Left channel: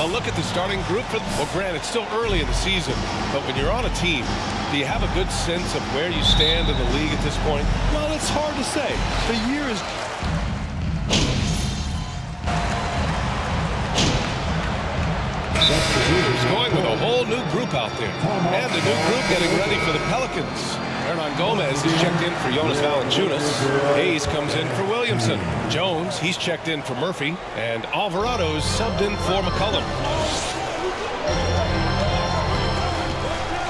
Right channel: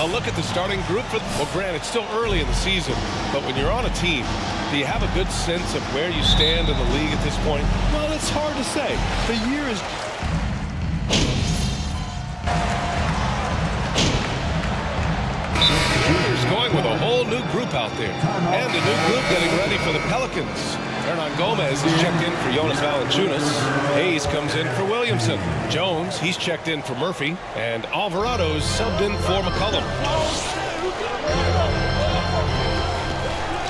A look at the starting group for, well, Grant, it's still early in the season, but when you're on a team, do you have a good sense of where you stand in the league at this point? Well, it's hard to say. The year is... Lakers going with a whole new group out there. And a new group getting ready for the Pelicans. Hernan Gomez is checked in for Jonas Valanciunas. Hayes comes in for Williamson. Jones, he's checked in for Murphy. And Alvarado's subbed in for McCollum.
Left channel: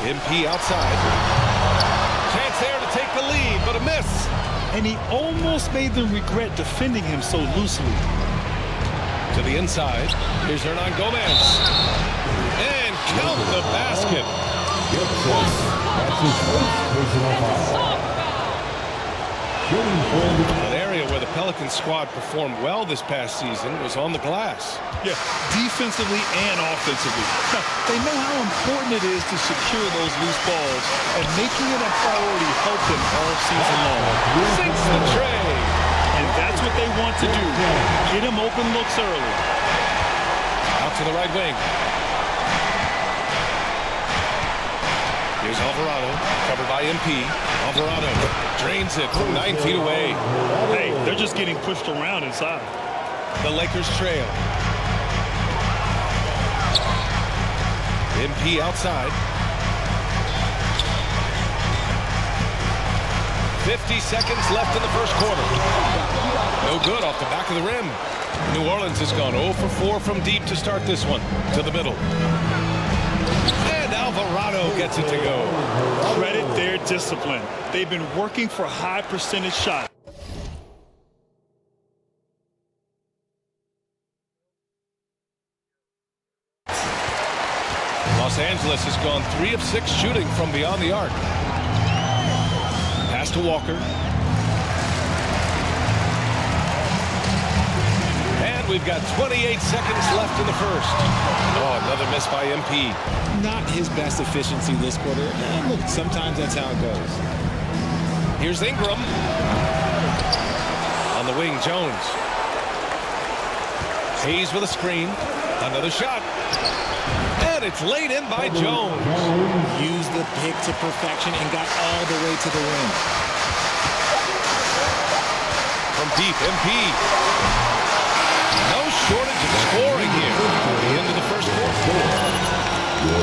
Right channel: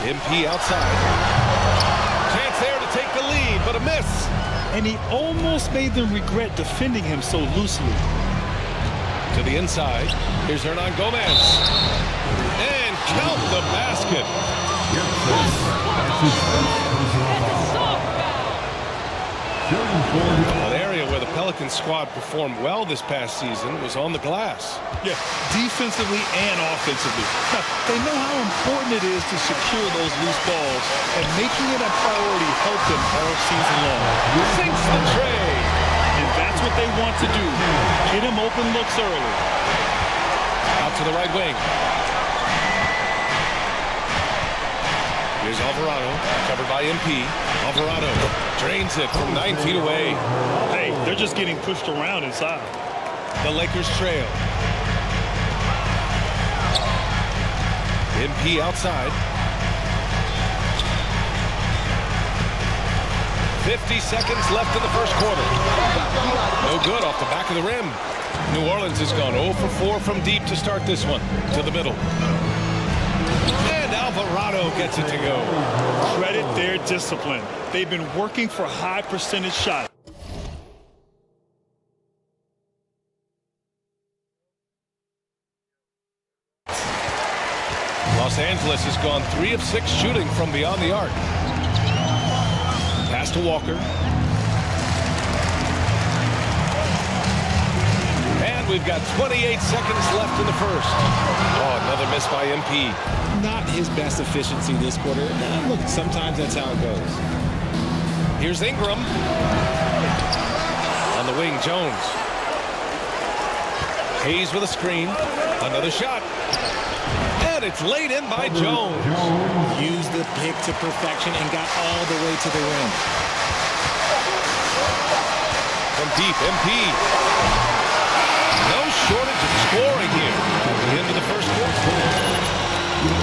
MP outside. Chance there to take the lead, but a miss. And he almost made them regret defending him so loosely. To the inside. Here's Hernan Gomez. And count the basket. An area where the Pelicans squad performed well this past season was on the glass. Yeah, defensively and offensively. Now, they know how important it is to secure those loose balls, and making it a priority helped them all season long. Sinks the tray. And that's what they want to do. Get him open looks early. Out to the right wing. Here's Alvarado, covered by MP. Alvarado drains it from 9 feet away. Hey, they're just getting pushed around inside. The Lakers trail. MP outside. 50 seconds left in the first quarter. No good off the back of the rim. New Orleans has gone 0 for 4 from deep to start this one. To the middle. And Alvarado gets it to go. Credit their discipline. They've been working for high percentage shots. Los Angeles has gone 3 of 6 shooting from beyond the arc. Pass to Walker. And we've got 28 seconds left in the first. Oh, another miss by MP. Not his best efficiency this quarter. Look, sometimes that's how it goes. Here's Ingram. On the wing, Jones. Hayes with a screen. Another shot. And it's laid in by Jones. Used the pick to perfection and got all the way to the rim. From deep, MP. No shortage of scoring here at the end of the first quarter. 21.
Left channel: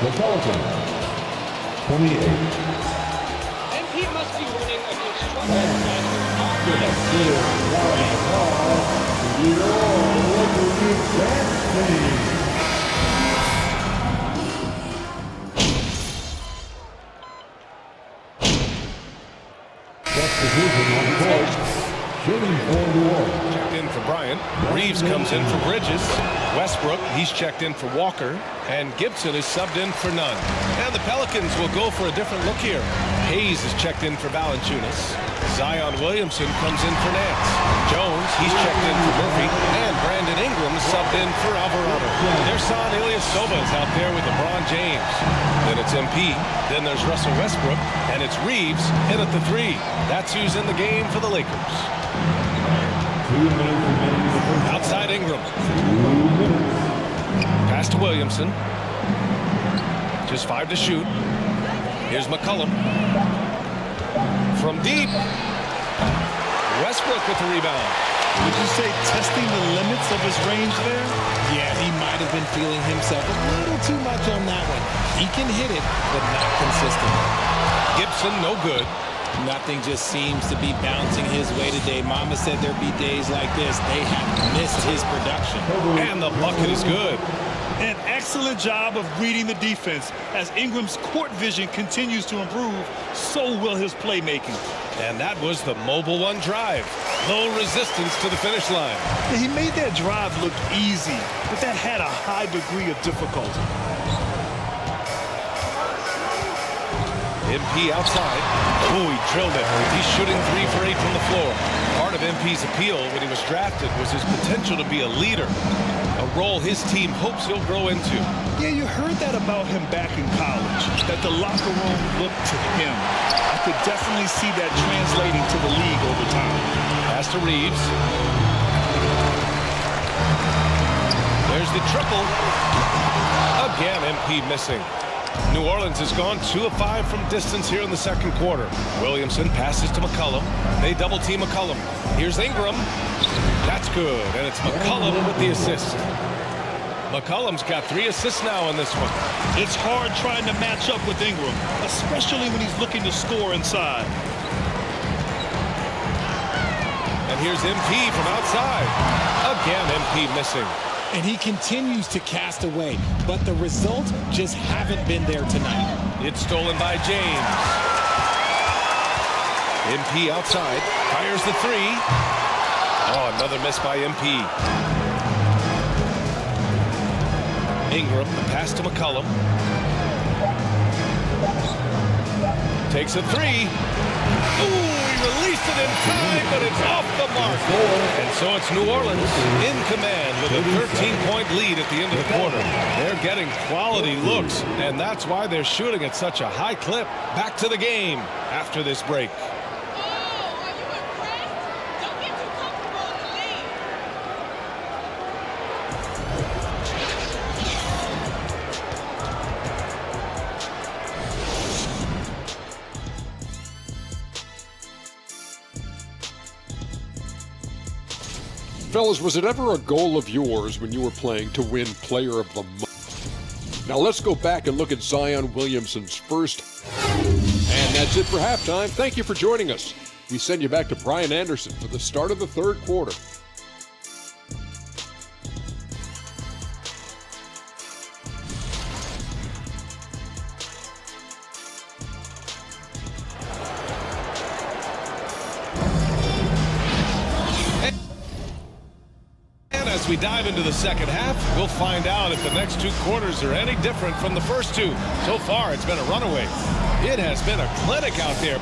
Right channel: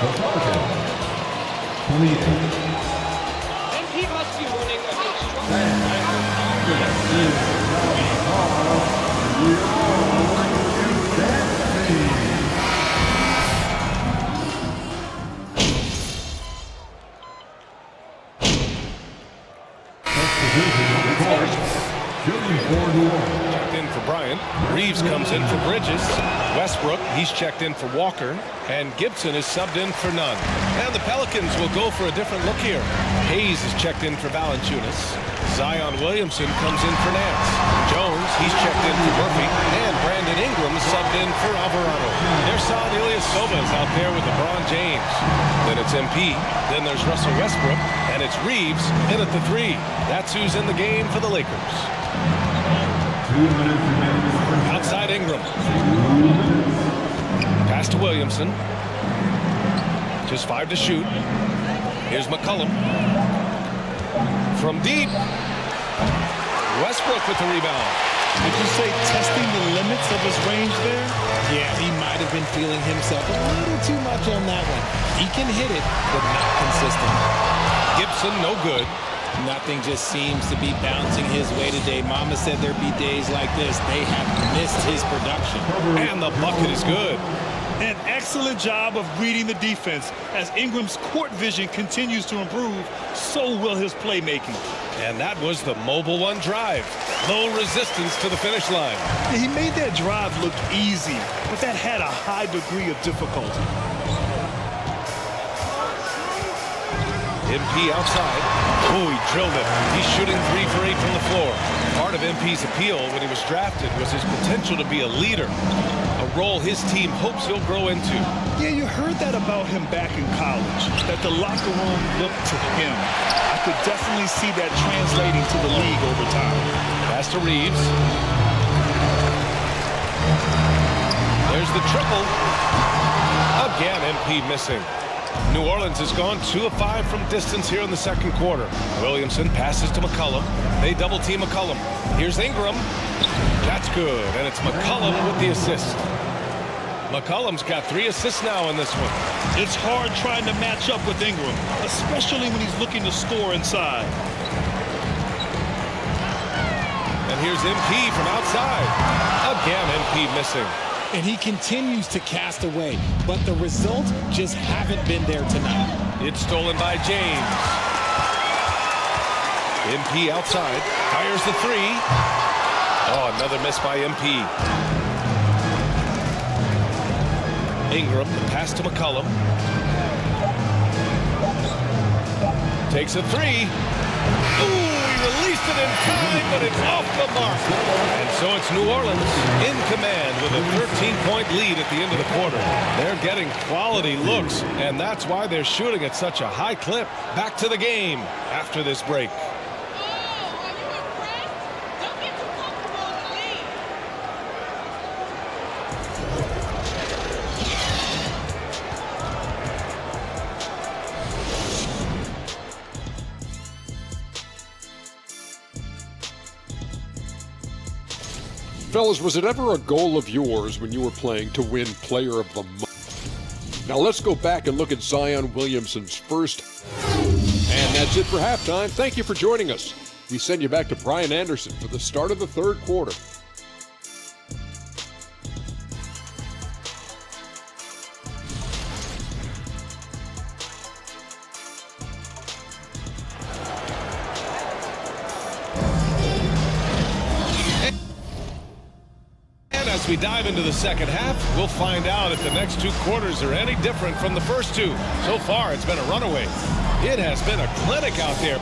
The Pelicans. 28. MP must be running a construction Shooting for New Orleans. Checked in for Bryant. Reeves comes in for Bridges. Westbrook, he's checked in for Walker. And Gibson is subbed in for Nunn. And the Pelicans will go for a different look here. Hayes is checked in for Valanciunas. Zion Williamson comes in for Nance. Jones, he's checked in for Murphy. And Brandon Ingram subbed in for Alvarado. Ersan Ilyasova is out there with LeBron James. Then it's MP. Then there's Russell Westbrook. And it's Reeves in at the 3. That's who's in the game for the Lakers. 2 minutes remaining in the first. Outside Ingram. 2 minutes. Pass to Williamson. Just 5 to shoot. Here's McCollum. From deep. Westbrook with the rebound. Would you say testing the limits of his range there? Yeah, he might have been feeling himself a little too much on that one. He can hit it, but not consistent. Gibson, no good. Nothing just seems to be bouncing his way today. Mama said there'd be days like this. They have missed his production. And the bucket is good. An excellent job of reading the defense. As Ingram's court vision continues to improve, so will his playmaking. And that was the Mobile One drive. Low resistance to the finish line. He made that drive look easy, but that had a high degree of difficulty. MP outside. Oh, he drilled it. He's shooting 3 for 8 from the floor. Part of MP's appeal when he was drafted was his potential to be a leader, a role his team hopes he'll grow into. Yeah, you heard that about him back in college, that the locker room looked to him. I could definitely see that translating to the league over time. Pass to Reeves. There's the triple. Again, MP missing. New Orleans has gone 2 of 5 from distance here in the second quarter. Williamson passes to McCollum. They double team McCollum. Here's Ingram. That's good, and it's McCollum with the assist. McCollum's got 3 assists now in this one. It's hard trying to match up with Ingram, especially when he's looking to score inside. And here's MP from outside. Again, MP missing. And he continues to cast away, but the results just haven't been there tonight. It's stolen by James. MP outside, fires the 3. Oh, another miss by MP. Ingram, the pass to McCollum. Takes a 3. Ooh, he released it in time, but it's off the mark. And so it's New Orleans in command with a 13-point lead at the end of the quarter. They're getting quality looks, and that's why they're shooting at such a high clip. Back to the game after this break. Oh, are you impressed? Don't get too comfortable in the lead. Fellas, was it ever a goal of yours when you were playing to win Player of the Month? Now let's go back and look at Zion Williamson's first. And that's it for halftime. Thank you for joining us. We send you back to Brian Anderson for the start of the third quarter. As we dive into the second half, we'll find out if the next 2 quarters are any different from the first 2. So far, it's been a runaway. It has been a clinic out there.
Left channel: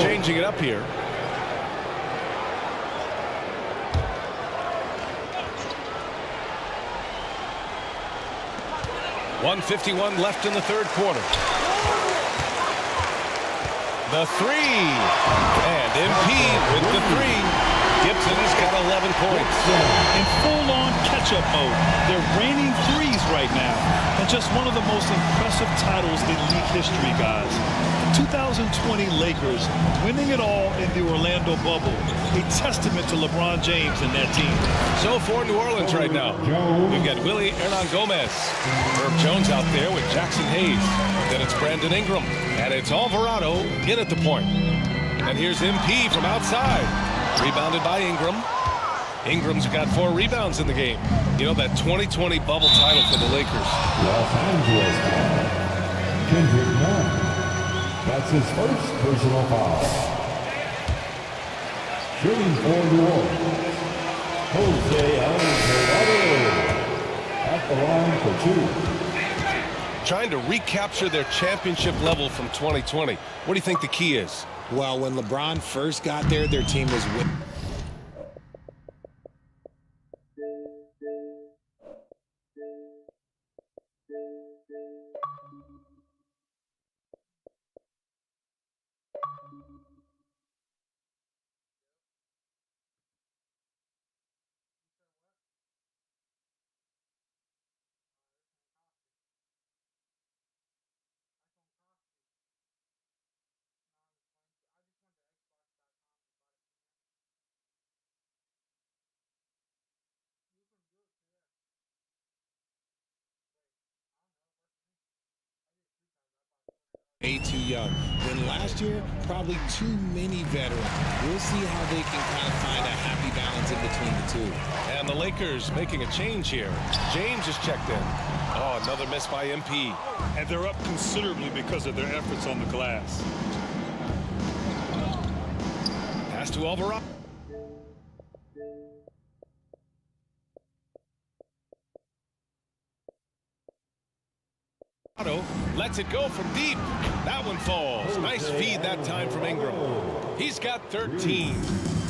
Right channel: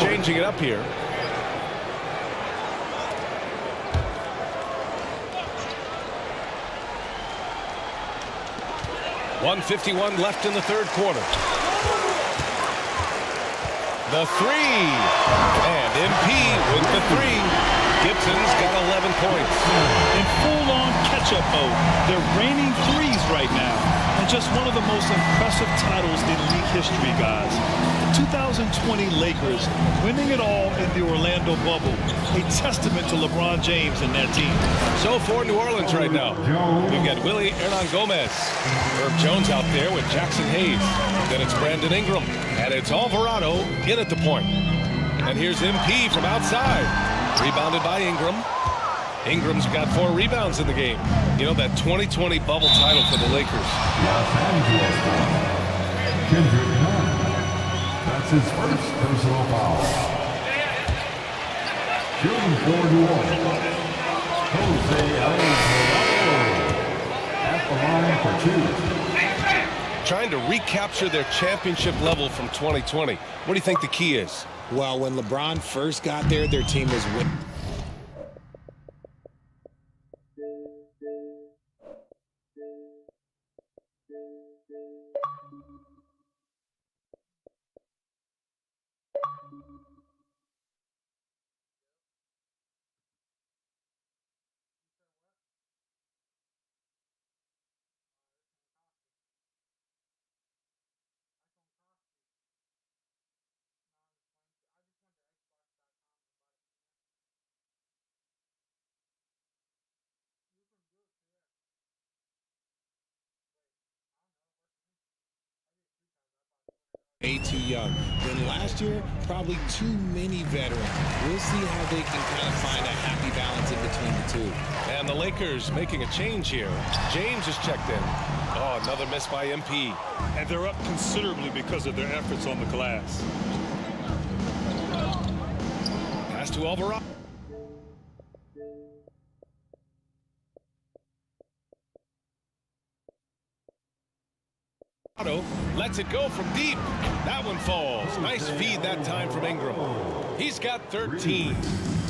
Changing it up here. .151 left in the third quarter. The 3, and MP with the 3. Gibson's got 11 points. In full-on catch-up mode, they're raining threes right now, and just one of the most impressive titles in league history, guys. The 2020 Lakers winning it all in the Orlando bubble, a testament to LeBron James and that team. So for New Orleans right now, we've got Willie Hernan-Gomez. Herb Jones out there with Jackson Hayes. Then it's Brandon Ingram, and it's Alvarado in at the point. And here's MP from outside. Rebounded by Ingram. Ingram's got 4 rebounds in the game. You know, that 2020 bubble title for the Lakers. Los Angeles foul. Kendrick Nunn. That's his first personal foul. Shooting for New Orleans, Jose Alvarado. At the line for 2. Trying to recapture their championship level from 2020. What do you think the key is? Well, when LeBron first got there, their team was winning. Way too young. Then last year, probably too many veterans. We'll see how they can kind of find a happy balance in between the two. And the Lakers making a change here. James is checked in. Oh, another miss by MP. And they're up considerably because of their efforts on the glass. Pass to Alvarado. Lets it go from deep. That one falls. Nice feed that time from Ingram. He's got 13.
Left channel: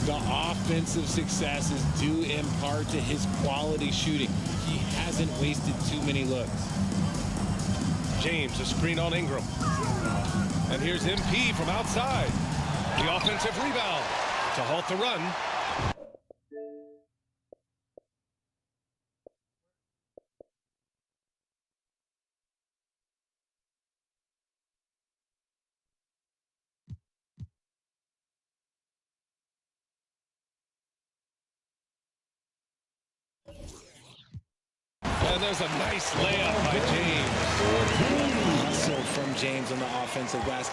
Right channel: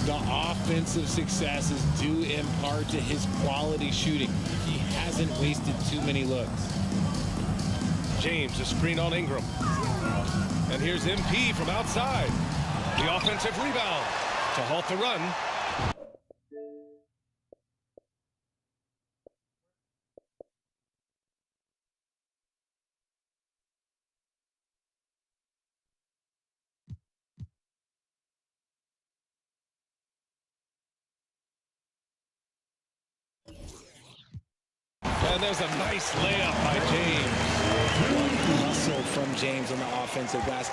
The offensive success is due in part to his quality shooting. He hasn't wasted too many looks. James, a screen on Ingram. And here's MP from outside. The offensive rebound to halt the run. And there's a nice layup by James. What hustle from James on the offensive glass.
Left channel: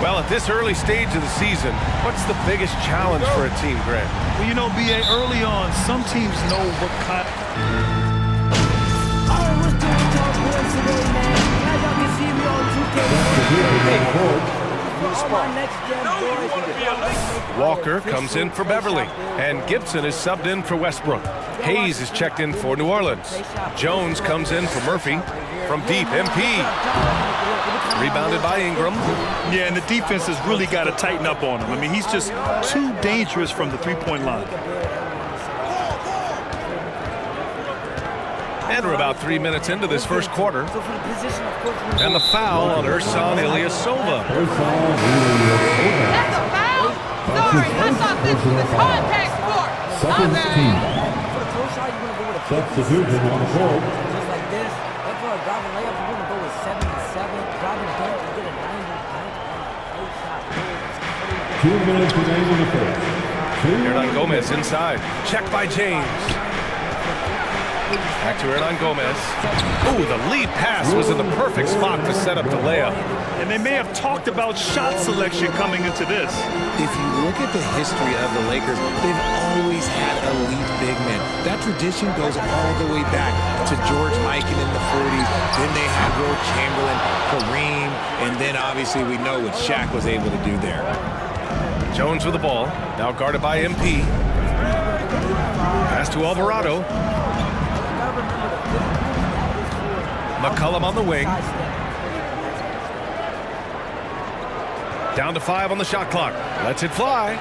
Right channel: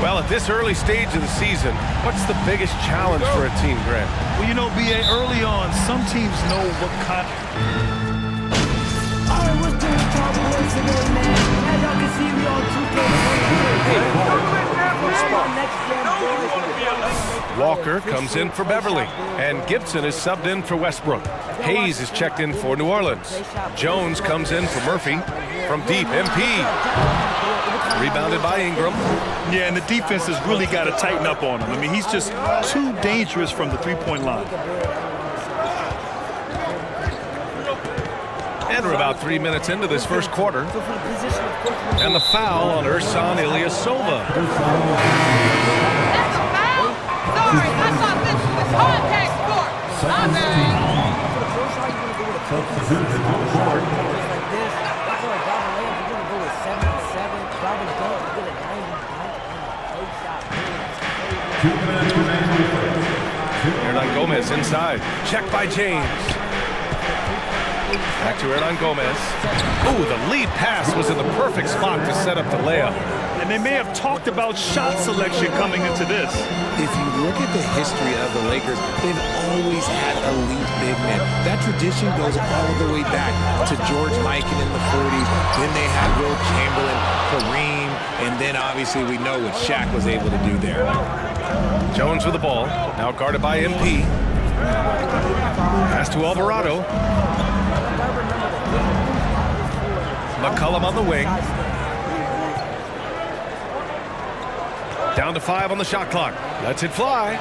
Well, at this early stage of the season, what's the biggest challenge for a team, Grant? Well, you know, BA, early on, some teams know what kind. All right, what's doing with y'all boys today, man? As y'all can see, we on 2K23. All my next gen boys. Walker comes in for Beverly, and Gibson is subbed in for Westbrook. Hayes is checked in for New Orleans. Jones comes in for Murphy. From deep, MP. Rebounded by Ingram. Yeah, and the defense has really got to tighten up on him. I mean, he's just too dangerous from the three-point line. And we're about 3 minutes into this first quarter. And the foul on Ersan Ilyasova. That's a foul? Sorry, I thought this was a contact sport. My bad. For the throw shot, you want to go with a Substitution on the court. just like this. Then for a driving layup, you want to go with 77. Driving dunk, you get a 90 dunk on the play shot. Really, that's crazy. 2 minutes remaining in the first. Hernan Gomez inside. Checked by James. Back to Hernan Gomez. Ooh, the lead pass was in the perfect spot to set up the layup. And they may have talked about shot selection coming into this. If you look at the history of the Lakers, they've always had elite big men. That tradition goes all the way back to George Mikan in the 40s. Then they had Will Chamberlain, Kareem, and then obviously we know what Shaq was able to do there. Jones with the ball. Now guarded by MP. Pass to Alvarado. McCollum on the wing. Down to 5 on the shot clock. Lets it fly.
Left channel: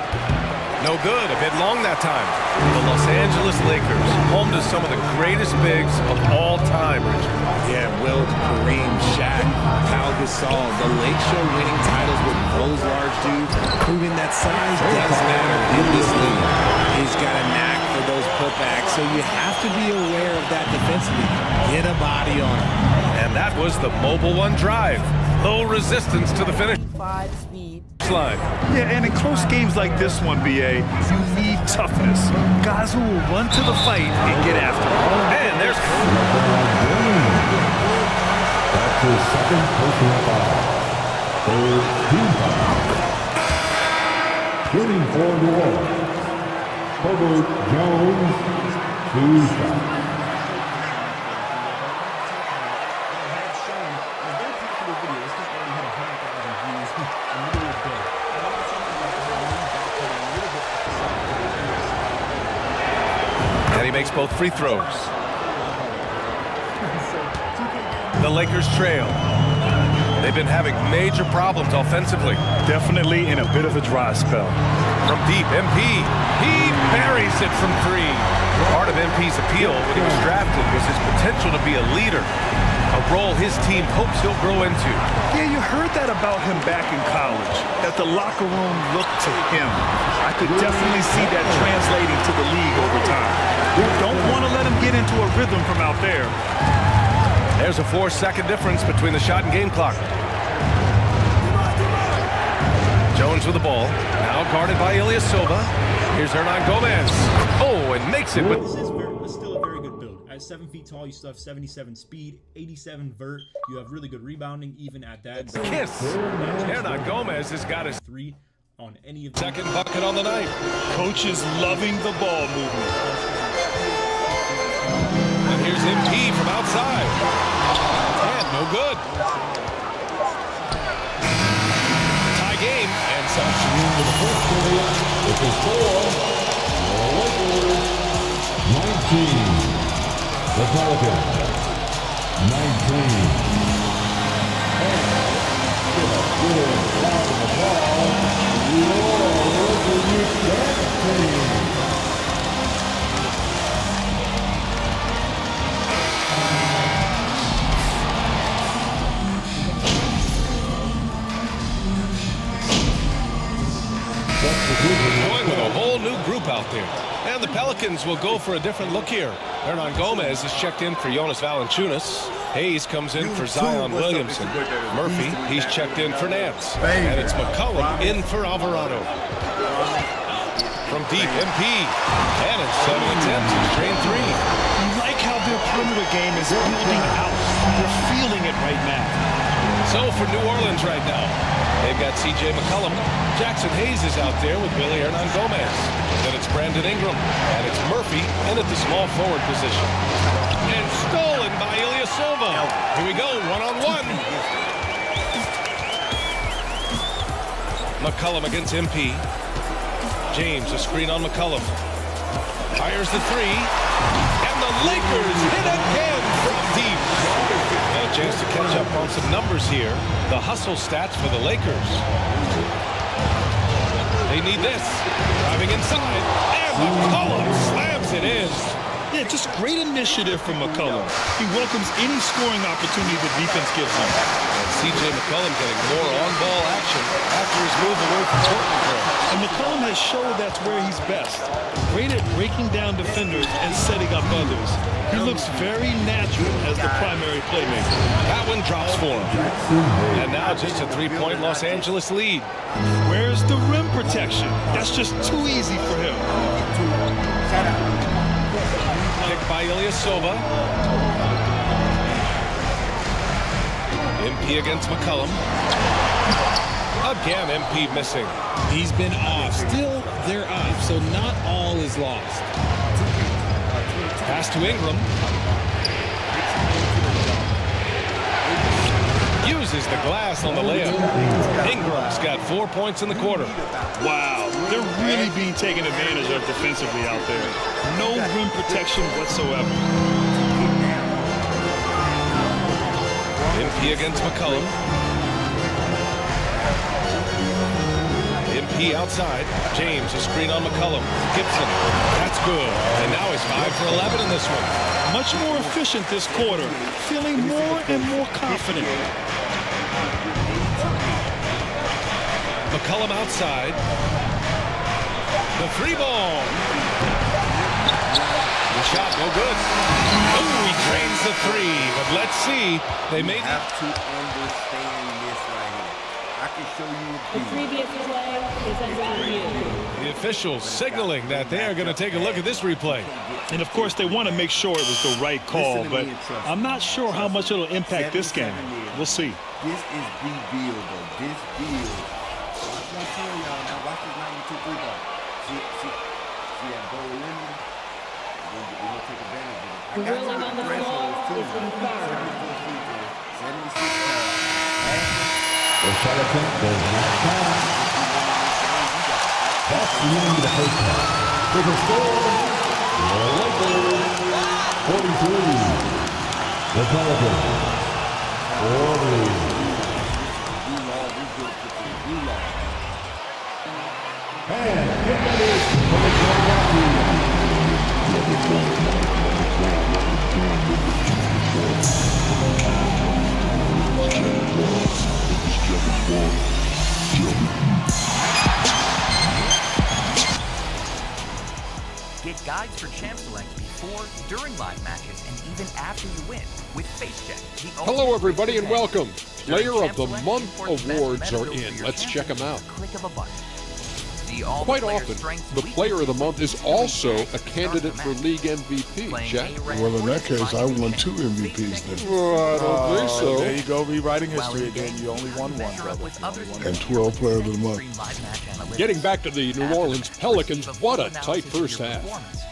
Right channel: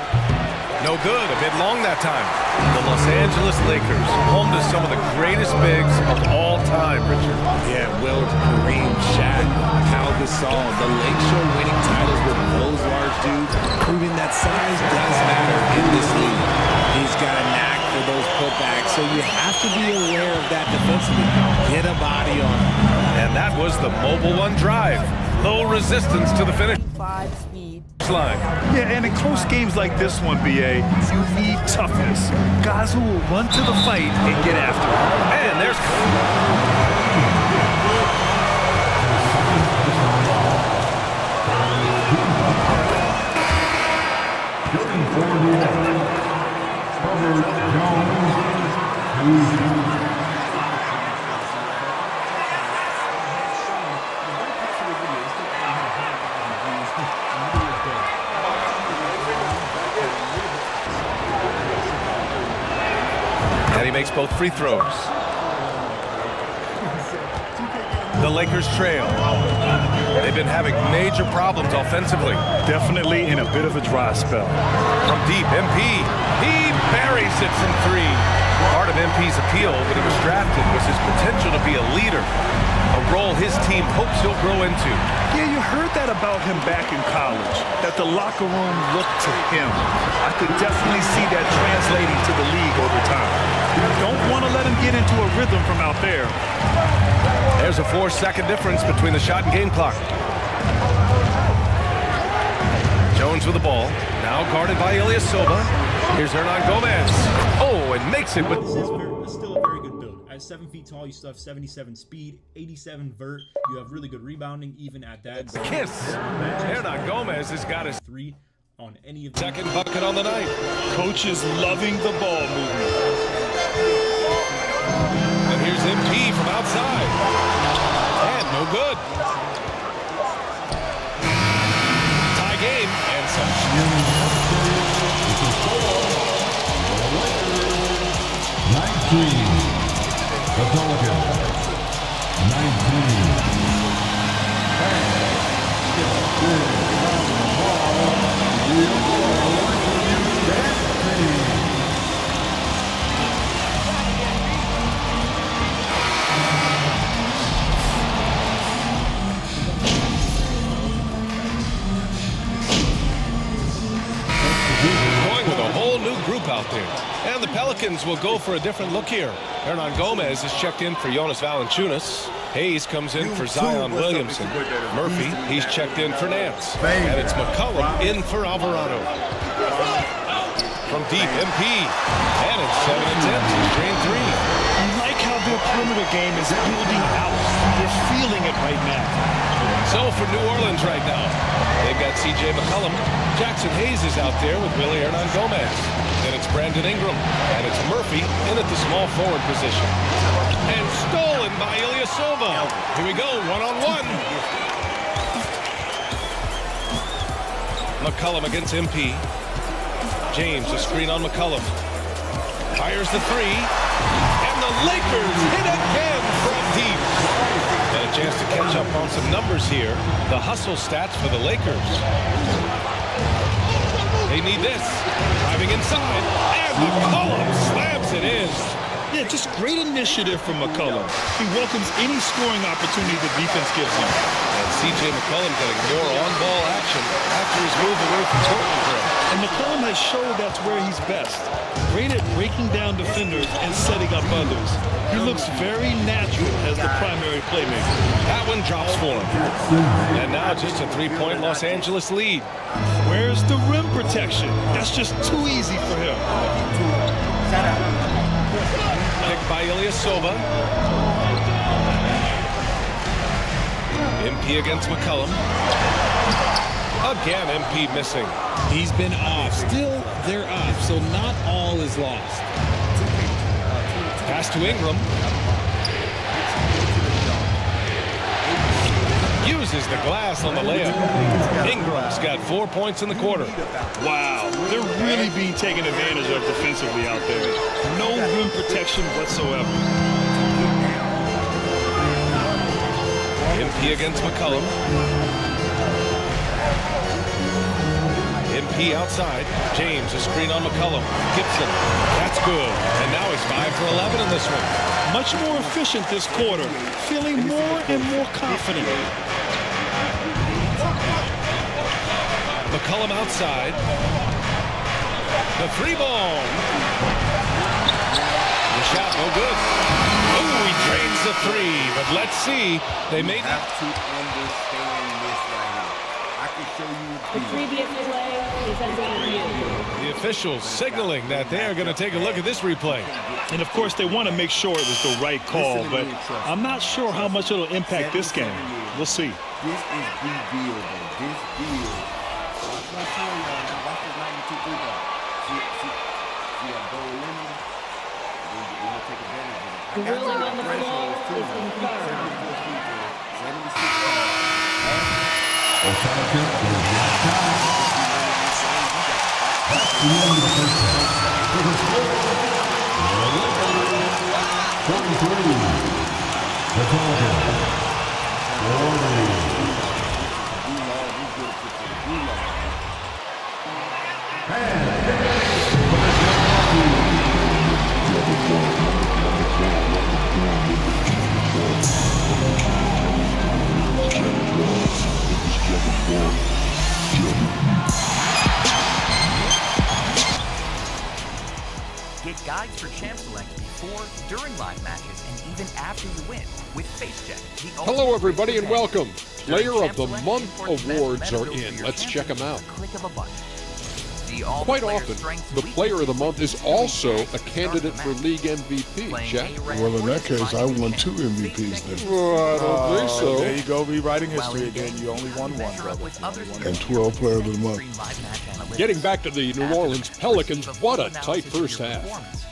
No good. A bit long that time. The Los Angeles Lakers, home to some of the greatest bigs of all time, Richard. Yeah, Wilt, Kareem, Shaq, Pau Gasol. The Lake Show winning titles with those large dudes, proving that size does matter in this league. He's got a knack for those putbacks, so you have to be aware of that defensively. Get a body on him. And that was the Mobile One drive. Low resistance to the finish Speed. line. Yeah, and in close games like this one, BA, you need toughness. Guys who will run to the fight and get after it. And there's His second personal foul. For team foul. Shooting for New Orleans. Herbert Jones, 2 shots. makes both free throws. The Lakers trail. They've been having major problems offensively. Definitely in a bit of a dry spell. From deep, MP. He buries it from three. Part of MP's appeal when he was drafted was his potential to be a leader, a role his team hopes he'll grow into. Yeah, you heard that about him back in college, that the locker room looked to him. I could definitely see that translating to the league over time. You don't want to let him get into a rhythm from out there. There's a 4-second difference between the shot and game clock. Jones with the ball, now guarded by Ilyasova. Here's Hernan Gomez. Oh, and makes it with... This is still a very good build. At 7 feet tall, you still have 77 speed, 87 vert. You have really good rebounding even at that. Kiss. Hernan Gomez has got his 3 on any of second bucket on the night. Coach is loving the ball movement. And here's MP from outside. And no good. Tie game and some. 19. The Pelicans. 19. Going with a whole new group out there. And the Pelicans will go for a different look here. Hernan Gomez is checked in for Jonas Valanciunas. Hayes comes in for Zion Williamson. Murphy, he's checked in for Nance. And it's McCollum in for Alvarado. From deep, MP. And in 7 attempts, he's drained 3. I like how their perimeter game is building out. They're feeling it right now. So for New Orleans right now, they've got C.J. McCollum. Jackson Hayes is out there with Willie Hernan Gomez. Then it's Brandon Ingram. And it's Murphy in at the small forward position. And stolen by Ilyasova. Here we go, one-on-one. McCollum against MP. James, a screen on McCollum. Fires the 3. And the Lakers hit again from deep. And a chance to catch up on some numbers here. The hustle stats for the Lakers. They need this. Driving inside. And McCollum slams it in. Yeah, just great initiative from McCollum. He welcomes any scoring opportunity the defense gives him. And C.J. McCollum getting more on-ball action after his move away from Portland Trail. And McCollum has showed that's where he's best. Great at breaking down defenders and setting up others. He looks very natural as the primary playmaker. That one drops for him. And now just a 3-point Los Angeles lead. Where's the rim protection? That's just too easy for him. Shout out. Picked by Ilyasova. MP against McCollum. Again, MP missing. He's been off. Still, they're up, so not all is lost. Pass to Ingram. Uses the glass on the layup. Ingram's got 4 points in the quarter. Wow, they're really being taken advantage of defensively out there. No rim protection whatsoever. MP against McCollum. MP outside. James, a screen on McCollum. Gibson, that's good. And now he's 5 for 11 in this one. Much more efficient this quarter, feeling more and more confident. McCollum outside. The 3-ball. The shot, no good. Oh, he drains the 3, but let's see. They may have to understand this right here. I can show you a The previous play is under review. The officials signaling that they are going to take a look at this replay. And of course, they want to make sure it was the right call, but I'm not sure how much it'll impact this game. We'll see. This is the deal, though. This deal. Watch what I'm showing y'all now. Watch this 92 3-ball. See that goal limit? We're going to take advantage of it. The ruling on the floor is confirmed. 74 free throws, 76 passes. The Pelicans does not count. That's the end of the first half. For the score, the 43. The Pelicans. 40. And for the Milwaukee. Get guides for Champ Select before, during live matches, and even after you win with FaceCheck. Hello, everybody, and welcome. Player of the Month awards are in. Let's check them out. Click of a button. Quite often, the Player of the Month is also a candidate for League MVP. Jack? Well, in that case, I won 2 MVPs then. Well, I don't think so. There you go, rewriting history again. You only won 1, brother. And 12 Player of the Month. Getting back to the New Orleans Pelicans, what a tight first half.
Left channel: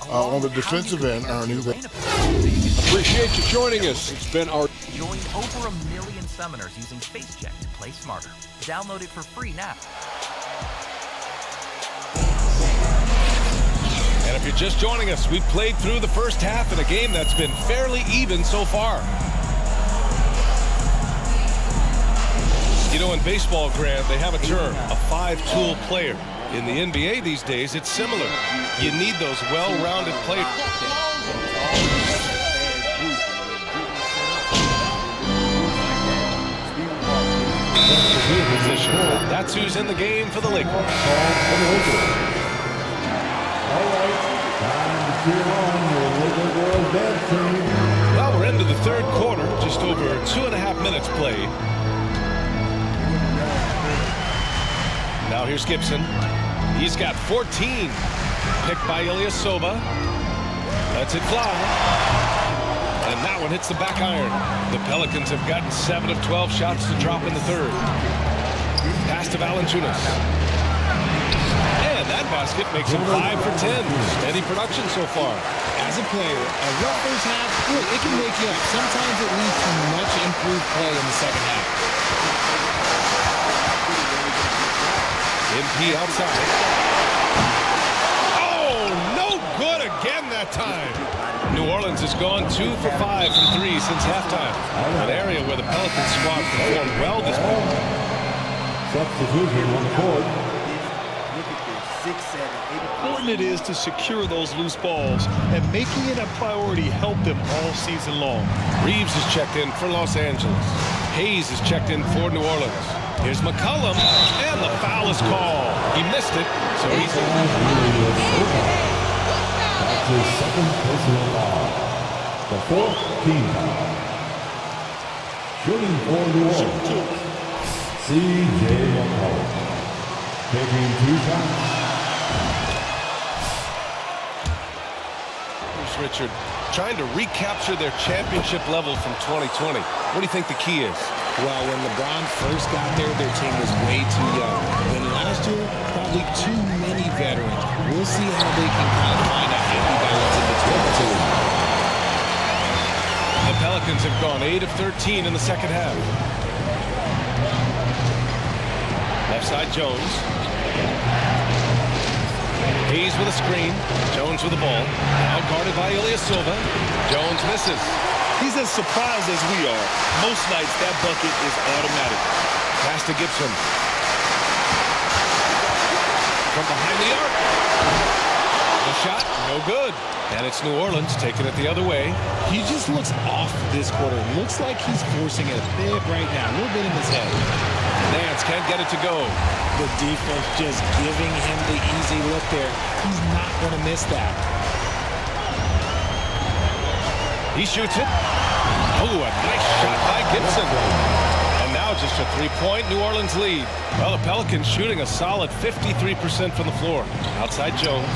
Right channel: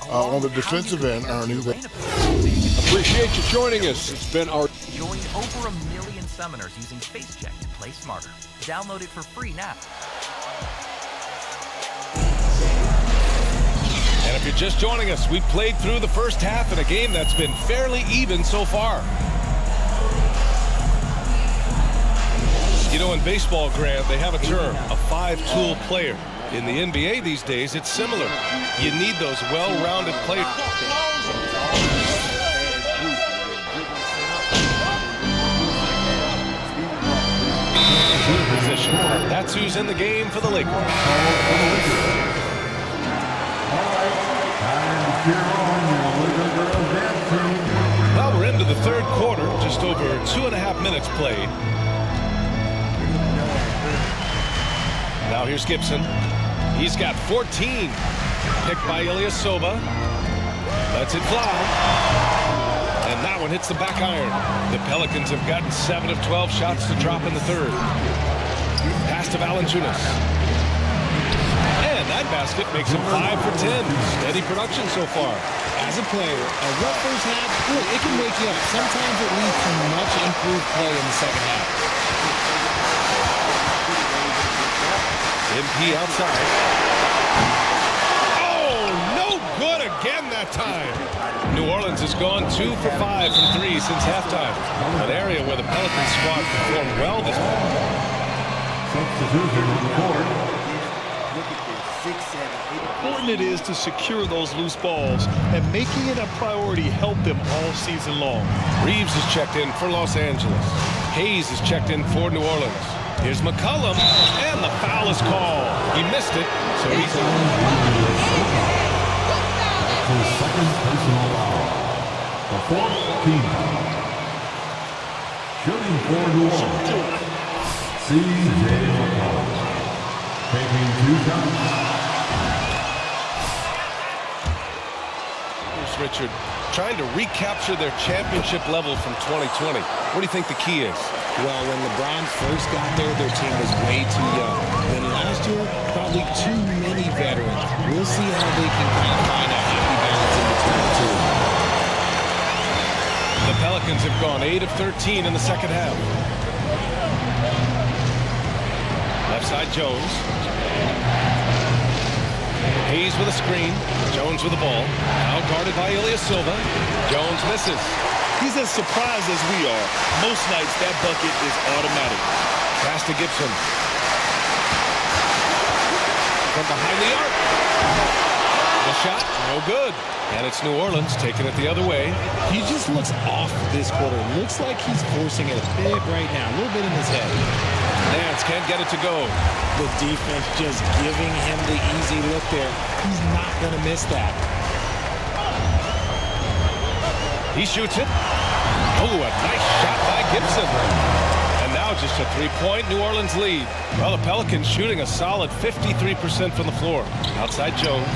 On the defensive end, Ernie. Appreciate you joining us. It's been our... Join over 1 million summoners using FaceCheck to play smarter. Download it for free now. And if you're just joining us, we've played through the first half in a game that's been fairly even so far. You know, in baseball, Grant, they have a term, a 5-tool player. In the NBA these days, it's similar. You need those well-rounded players. Position. That's who's in the game for the Lakers. Well, we're into the third quarter, just over 2.5 minutes played. Now here's Gibson. He's got 14. Picked by Ilyasova. Lets it fly. And that one hits the back iron. The Pelicans have gotten 7 of 12 shots to drop in the third. Pass to Valanciunas. And that basket makes him 5 for 10. Steady production so far. As a player, a rough first half, look, it can wake you up. Sometimes it leads to much improved play in the second half. MP outside. Oh, no good again that time. New Orleans has gone 2 for 5 from 3 since halftime. An area where the Pelicans squad performed well this morning. Substitution on the court. Look at this, 6, 7, 8. Important it is to secure those loose balls, and making it a priority helped them all season long. Reeves is checked in for Los Angeles. Hayes is checked in for New Orleans. Here's McCollum, and the foul is called. He missed it, so he's in. That's his second personal foul. The 4th team foul. Shooting for New Orleans. C.J. McCollum. Making 2 shots. Here's Richard trying to recapture their championship level from 2020. What do you think the key is? Well, when LeBron first got there, their team was way too young. Then last year, probably too many veterans. We'll see how they can kind of find a happy balance in between the two. The Pelicans have gone 8 of 13 in the second half. Left side, Jones. Hayes with a screen. Jones with the ball. Now guarded by Ilyasova. Jones misses. He's as surprised as we are. Most nights, that bucket is automatic. Pass to Gibson. From behind the arc. The shot, no good. And it's New Orleans taking it the other way. He just looks off this quarter. Looks like he's forcing it a bit right now. A little bit in his head. Nance can't get it to go. The defense just giving him the easy look there. He's not going to miss that. He shoots it. Oh, a nice shot by Gibson. And now just a 3-point New Orleans lead. Well, the Pelicans shooting a solid 53% from the floor. Outside Jones.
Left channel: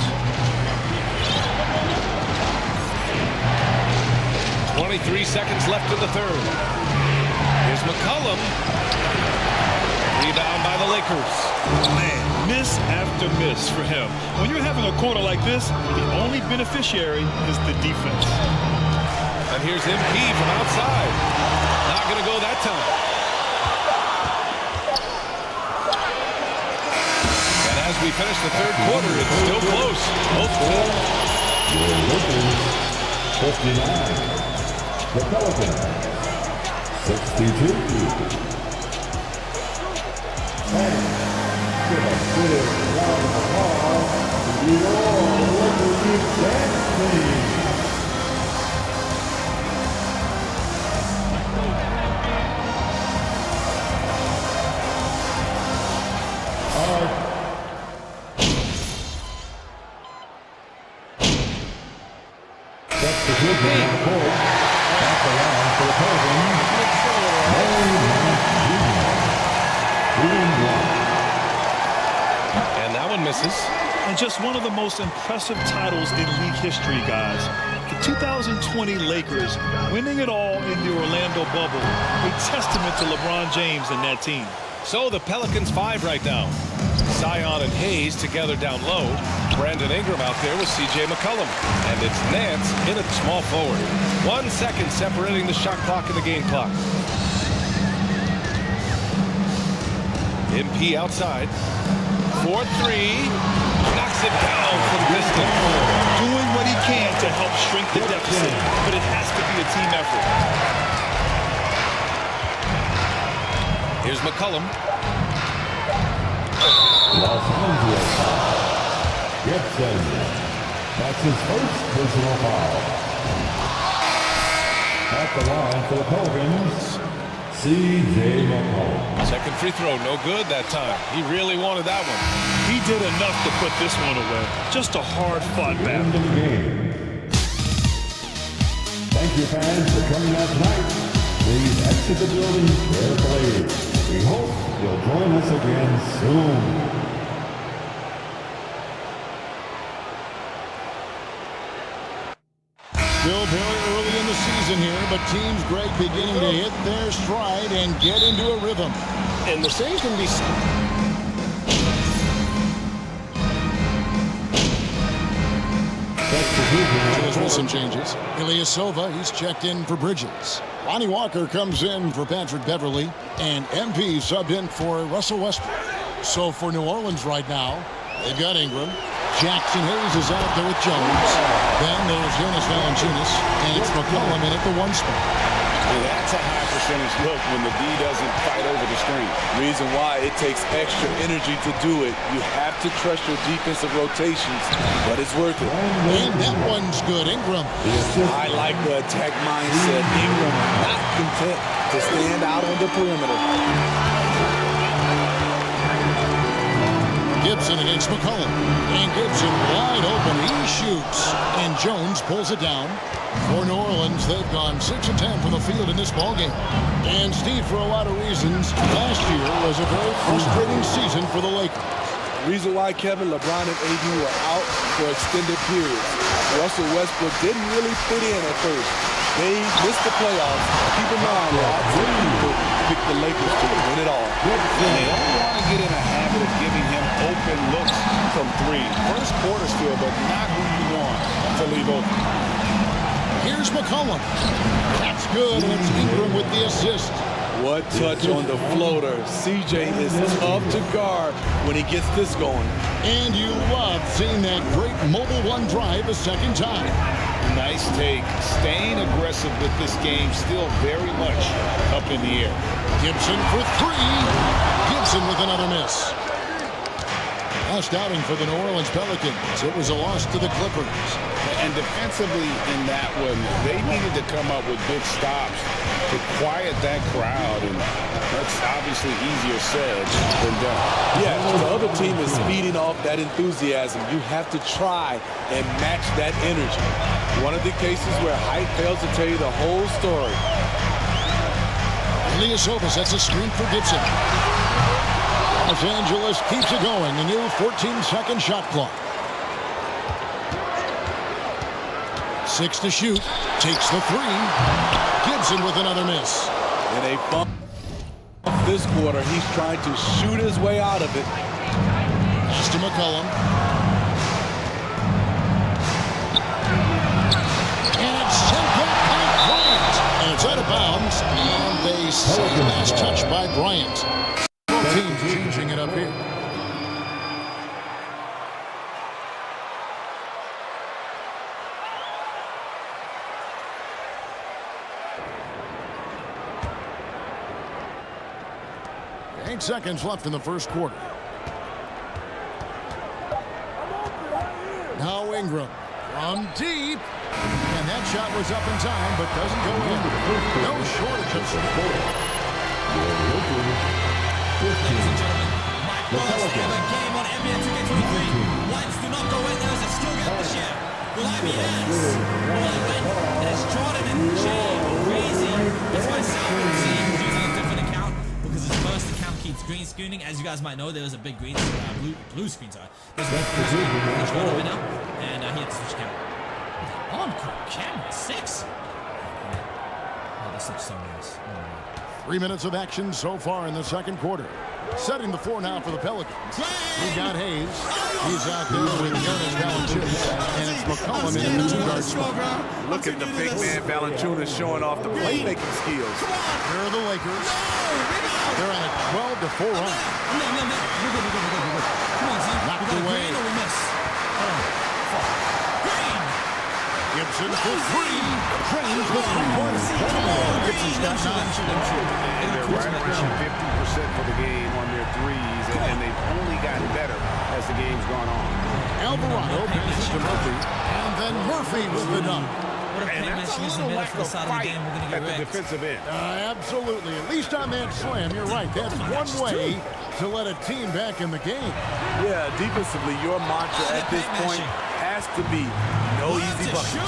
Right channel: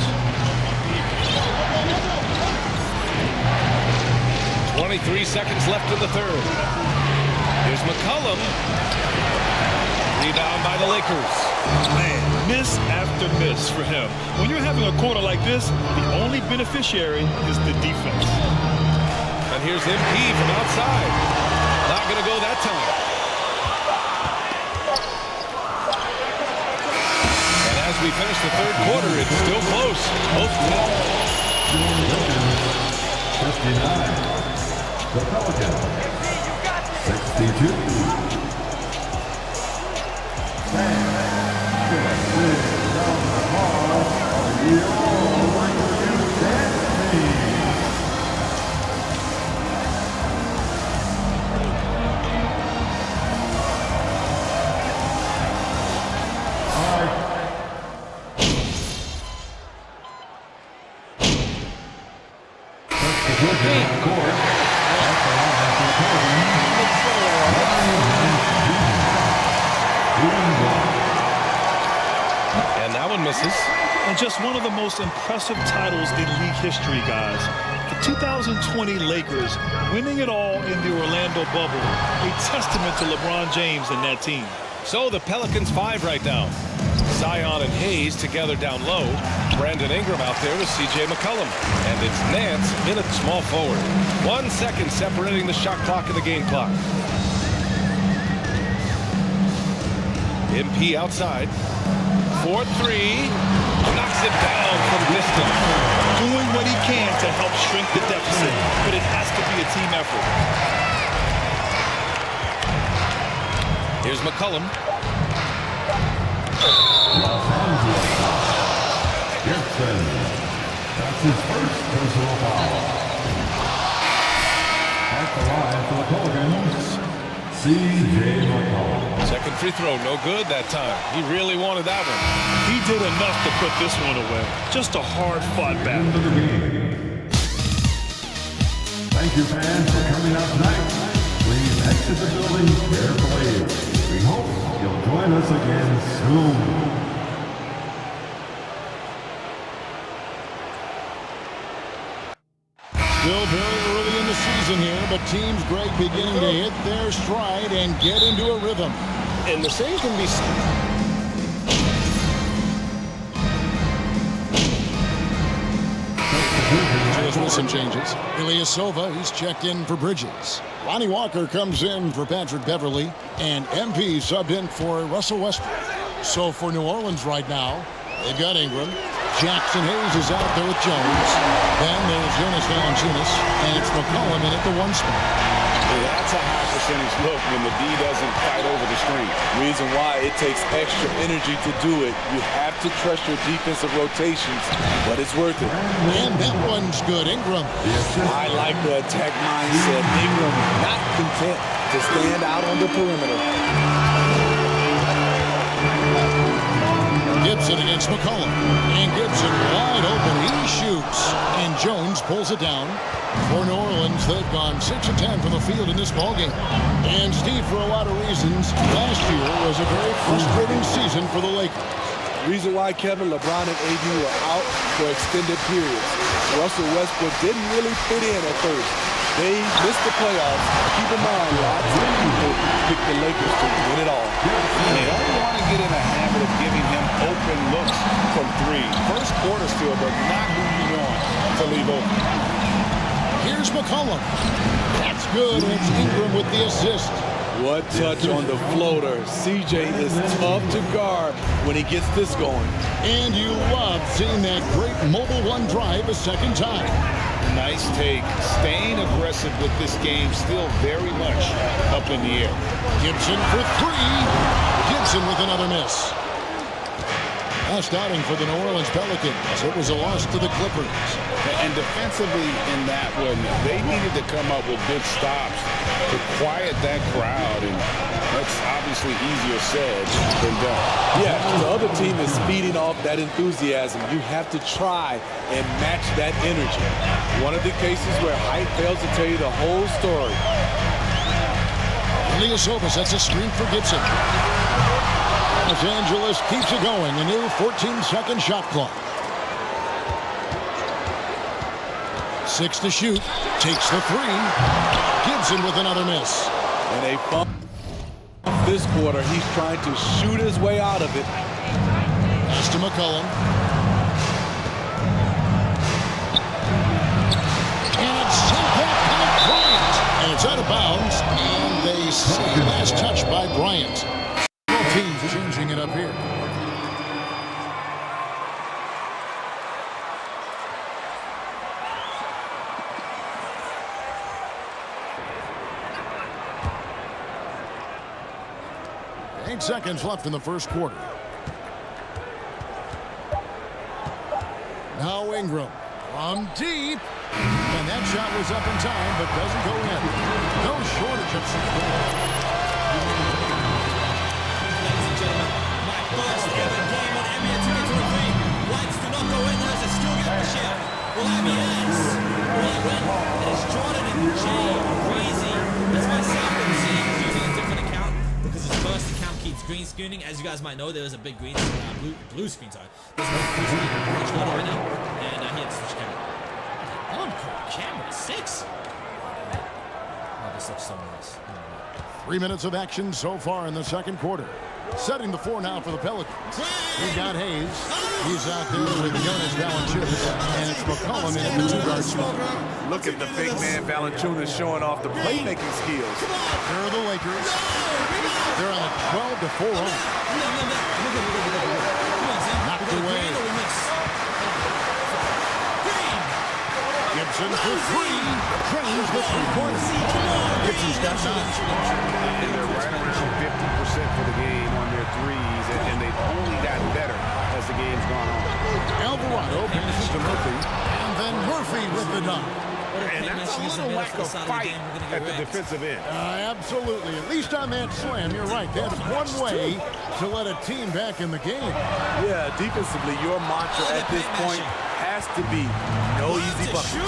23 seconds left in the third. Here's McCollum. Rebound by the Lakers. Man, miss after miss for him. When you're having a quarter like this, the only beneficiary is the defense. And here's MP from outside. Not going to go that time. And as we finish the third quarter, it's still close. Both teams. 59. The Pelicans, 62. And just sitting down the hall, your Lakers dance team. Substitution court at the line for the Pelicans. And that one misses. And just one of the most impressive titles in league history, guys. The 2020 Lakers winning it all in the Orlando bubble. A testament to LeBron James and that team. So the Pelicans 5 right now. Zion and Hayes together down low. Brandon Ingram out there with C.J. McCollum. And it's Nance in at small forward. 1 second separating the shot clock and the game clock. MP outside. 4-3. Knocks it down from distance. Doing what he can to help shrink the deficit. But it has to be a team effort. Here's McCollum. Los Angeles. Gibson. That's his first personal foul. At the line for the Pelicans, C.J. McCollum. Second free throw, no good that time. He really wanted that one. He did enough to put this one away. Just a hard-fought battle. End of the game. Thank you, fans, for coming out tonight. Please exit the building carefully. We hope you'll join us again soon. Still very early in the season here, but teams, Greg, beginning to hit their stride and get into a rhythm. And the same can be... Julius with some changes. Ilyasova, he's checked in for Bridges. Lonnie Walker comes in for Patrick Beverly. And MP subbed in for Russell Westbrook. So for New Orleans right now, they've got Ingram. Jackson Hayes is out there with Jones. Then there's Jonas Valanciunas, and it's McCollum in at the 1 spot. That's a high percentage look when the D doesn't fight over the screen. Reason why it takes extra energy to do it. You have to trust your defensive rotations, but it's worth it. And that one's good. Ingram. I like the attack mindset. Ingram not content to stand out on the perimeter. Gibson against McCollum. And Gibson wide open. He shoots. And Jones pulls it down. For New Orleans, they've gone 6 of 10 from the field in this ballgame. And Steve, for a lot of reasons, last year was a very frustrating season for the Lakers. Reason why Kevin, LeBron, and AD were out for extended periods. Russell Westbrook didn't really fit in at first. They missed the playoffs. Keep in mind, lots of people picked the Lakers to win it all. And they don't want to get in a habit of giving him open looks from 3. First quarter still, but not who you want to leave open. Here's McCollum. That's good, and it's Ingram with the assist. What touch on the floater. CJ is tough to guard when he gets this going. And you love seeing that great mobile 1 drive a second time. Nice take. Staying aggressive with this game, still very much up in the air. Gibson for 3. Gibson with another miss. Last outing for the New Orleans Pelicans. It was a loss to the Clippers. And defensively in that one, they needed to come up with big stops to quiet that crowd. And that's obviously easier said than done. Yeah, the other team is feeding off that enthusiasm. You have to try and match that energy. One of the cases where height fails to tell you the whole story. Ilyasova sets a screen for Gibson. Los Angeles keeps it going. A new 14-second shot clock. 6 to shoot. Takes the 3. Gibson with another miss. And a bump this quarter. He's trying to shoot his way out of it. Pass to McCollum. And it's sent back by Bryant. And it's out of bounds. And they say last touch by Bryant. Both teams changing it up here. 8 seconds left in the first quarter. Now Ingram from deep. And that shot was up in time, but doesn't go in. No shortage of support. Ladies and gentlemen, my first ever game on NBA 2K23. Whites do not go in. There is a skill gap this year. Will I be yes? Will I win? It is Jordan and Jay Crazy. That's myself and He's using a different account because his first account keeps green screening. As you guys might know, there was a big blue screen, sorry. There's a big blue screen which going on right now. And he had to switch camera. Encore camera 6. Oh, this looks so nice. Oh my God. 3 minutes of action so far in the second quarter. Setting the floor now for the Pelicans. We got Hayes. He's out there with Jonas Valanciunas, and it's McCollum in the two-guard spot. Look at the big man Valanciunas showing off the playmaking skills. Here are the Lakers. They're on a 12-4 run. Knocked away. Gibson for three. Drains the three-pointer. Gibson's got 9. And they're right around 50% for the game on their threes, and they've only gotten better as the game's gone on. Alvarado passes to Murphy, and then Murphy with the dunk. And that's a little lack of fight at the defensive end. Absolutely. At least on that slam, you're right. That's one way to let a team back in the game. Yeah, defensively, your mantra at this point has to be no easy buckets. Me.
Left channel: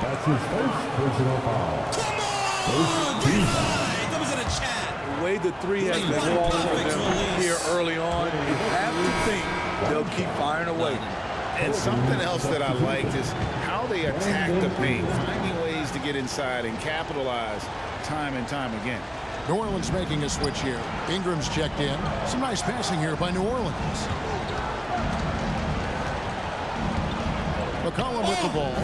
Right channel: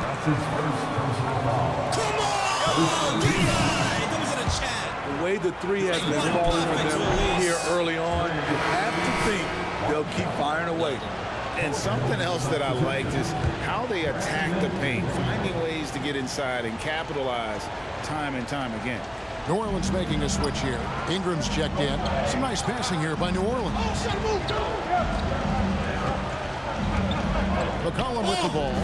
That's his first personal foul. Come on! Green light! That was in a chat. The way the three has been falling for them here early on, you have to think they'll keep firing away. And something else that I liked is how they attack the paint, finding ways to get inside and capitalize time and time again. New Orleans making a switch here. Ingram's checked in. Some nice passing here by New Orleans. McCollum with the ball.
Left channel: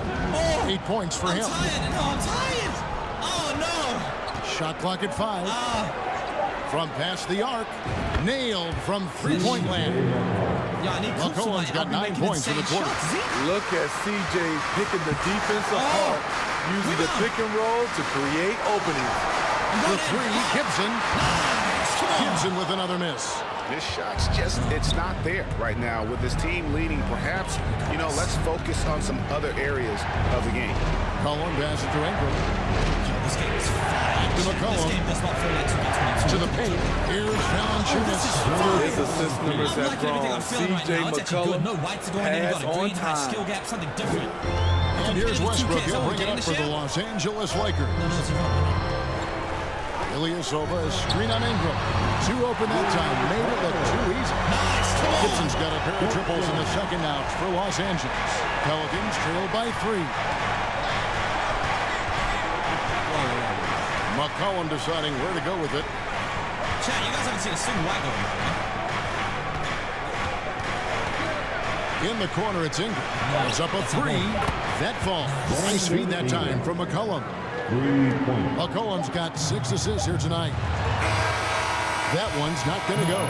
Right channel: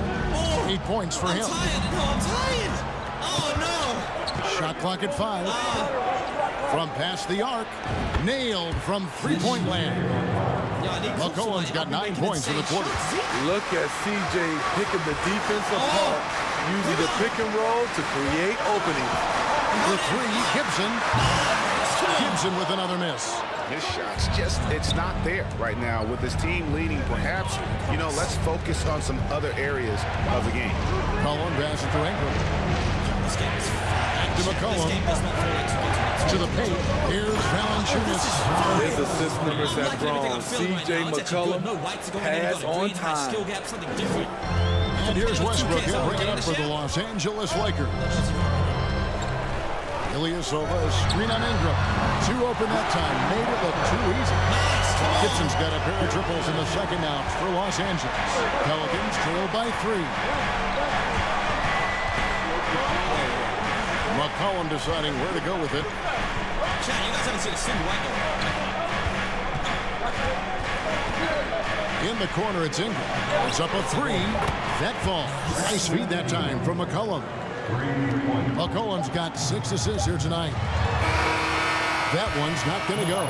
8 points for him. I'm tired. Oh, no. Shot clock at 5. From past the arc. Nailed from three-point land. McCollum's got 9 points in the quarter. Look at CJ picking the defense apart, using the pick and roll to create openings. The three, Gibson. Gibson with another miss. His shot's just, it's not there right now. With his team leading, perhaps, let's focus on some other areas of the game. McCollum passes to Ingram. This game is fine. Back to McCollum. This game does not feel like 2K22. To the paint. Here's Valanciunas. His assist numbers have grown. CJ McCollum has on time. Skill gap, something different. And here's Westbrook. He'll bring it up for the Los Angeles Lakers. Ilyasova, a screen on Ingram. 2 open that time. Made it look too easy. Nice, come on. Gibson's got a pair of triples in the second out for Los Angeles. Pelicans trail by 3. McCollum deciding where to go with it. Chat, you guys haven't seen a single white going on, In the corner, it's Ingram. It's up a 3. That falls. Nice feed that time from McCollum. 3 points. McCollum's got 6 assists here tonight. That one's not going to go.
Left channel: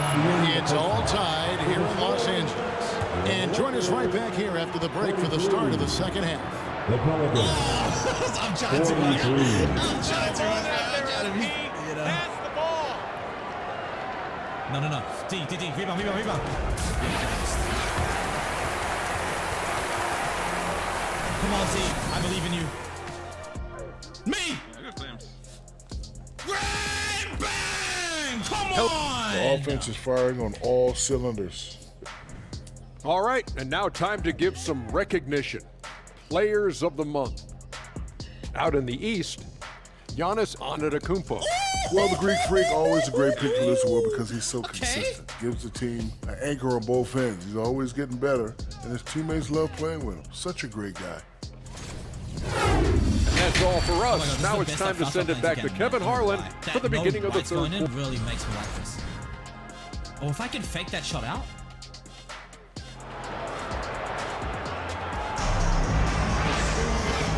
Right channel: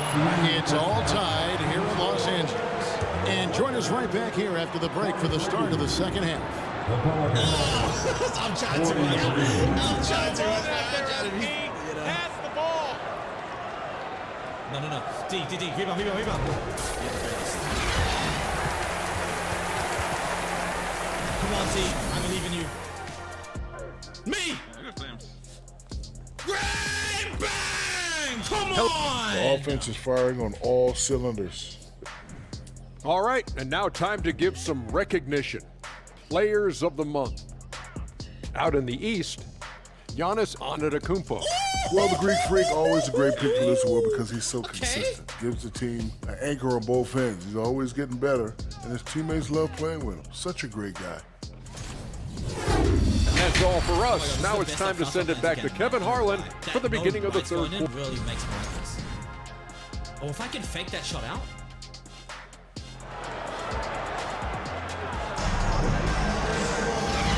It's all tied here in Los Angeles. And join us right back here after the break for the start of the second half. The Pelicans. I'm trying to. Pass the ball. No. D. Rebound. You're the greatest. Come on, D. I believe in you. Me! Bang! Bang! Come on! The offense is firing on all cylinders. All right, and now time to give some recognition. Players of the month. Out in the East, Giannis Antetokounmpo. Well, the Greek Freak, always a great pick for this award because he's so consistent. Gives the team an anchor on both ends. He's always getting better, and his teammates love playing with him. Such a great guy. And that's all for us. Now it's time to send it back to Kevin Harlan for the beginning of the third quarter. Really makes me like this. Oh, if I can fake that shot out.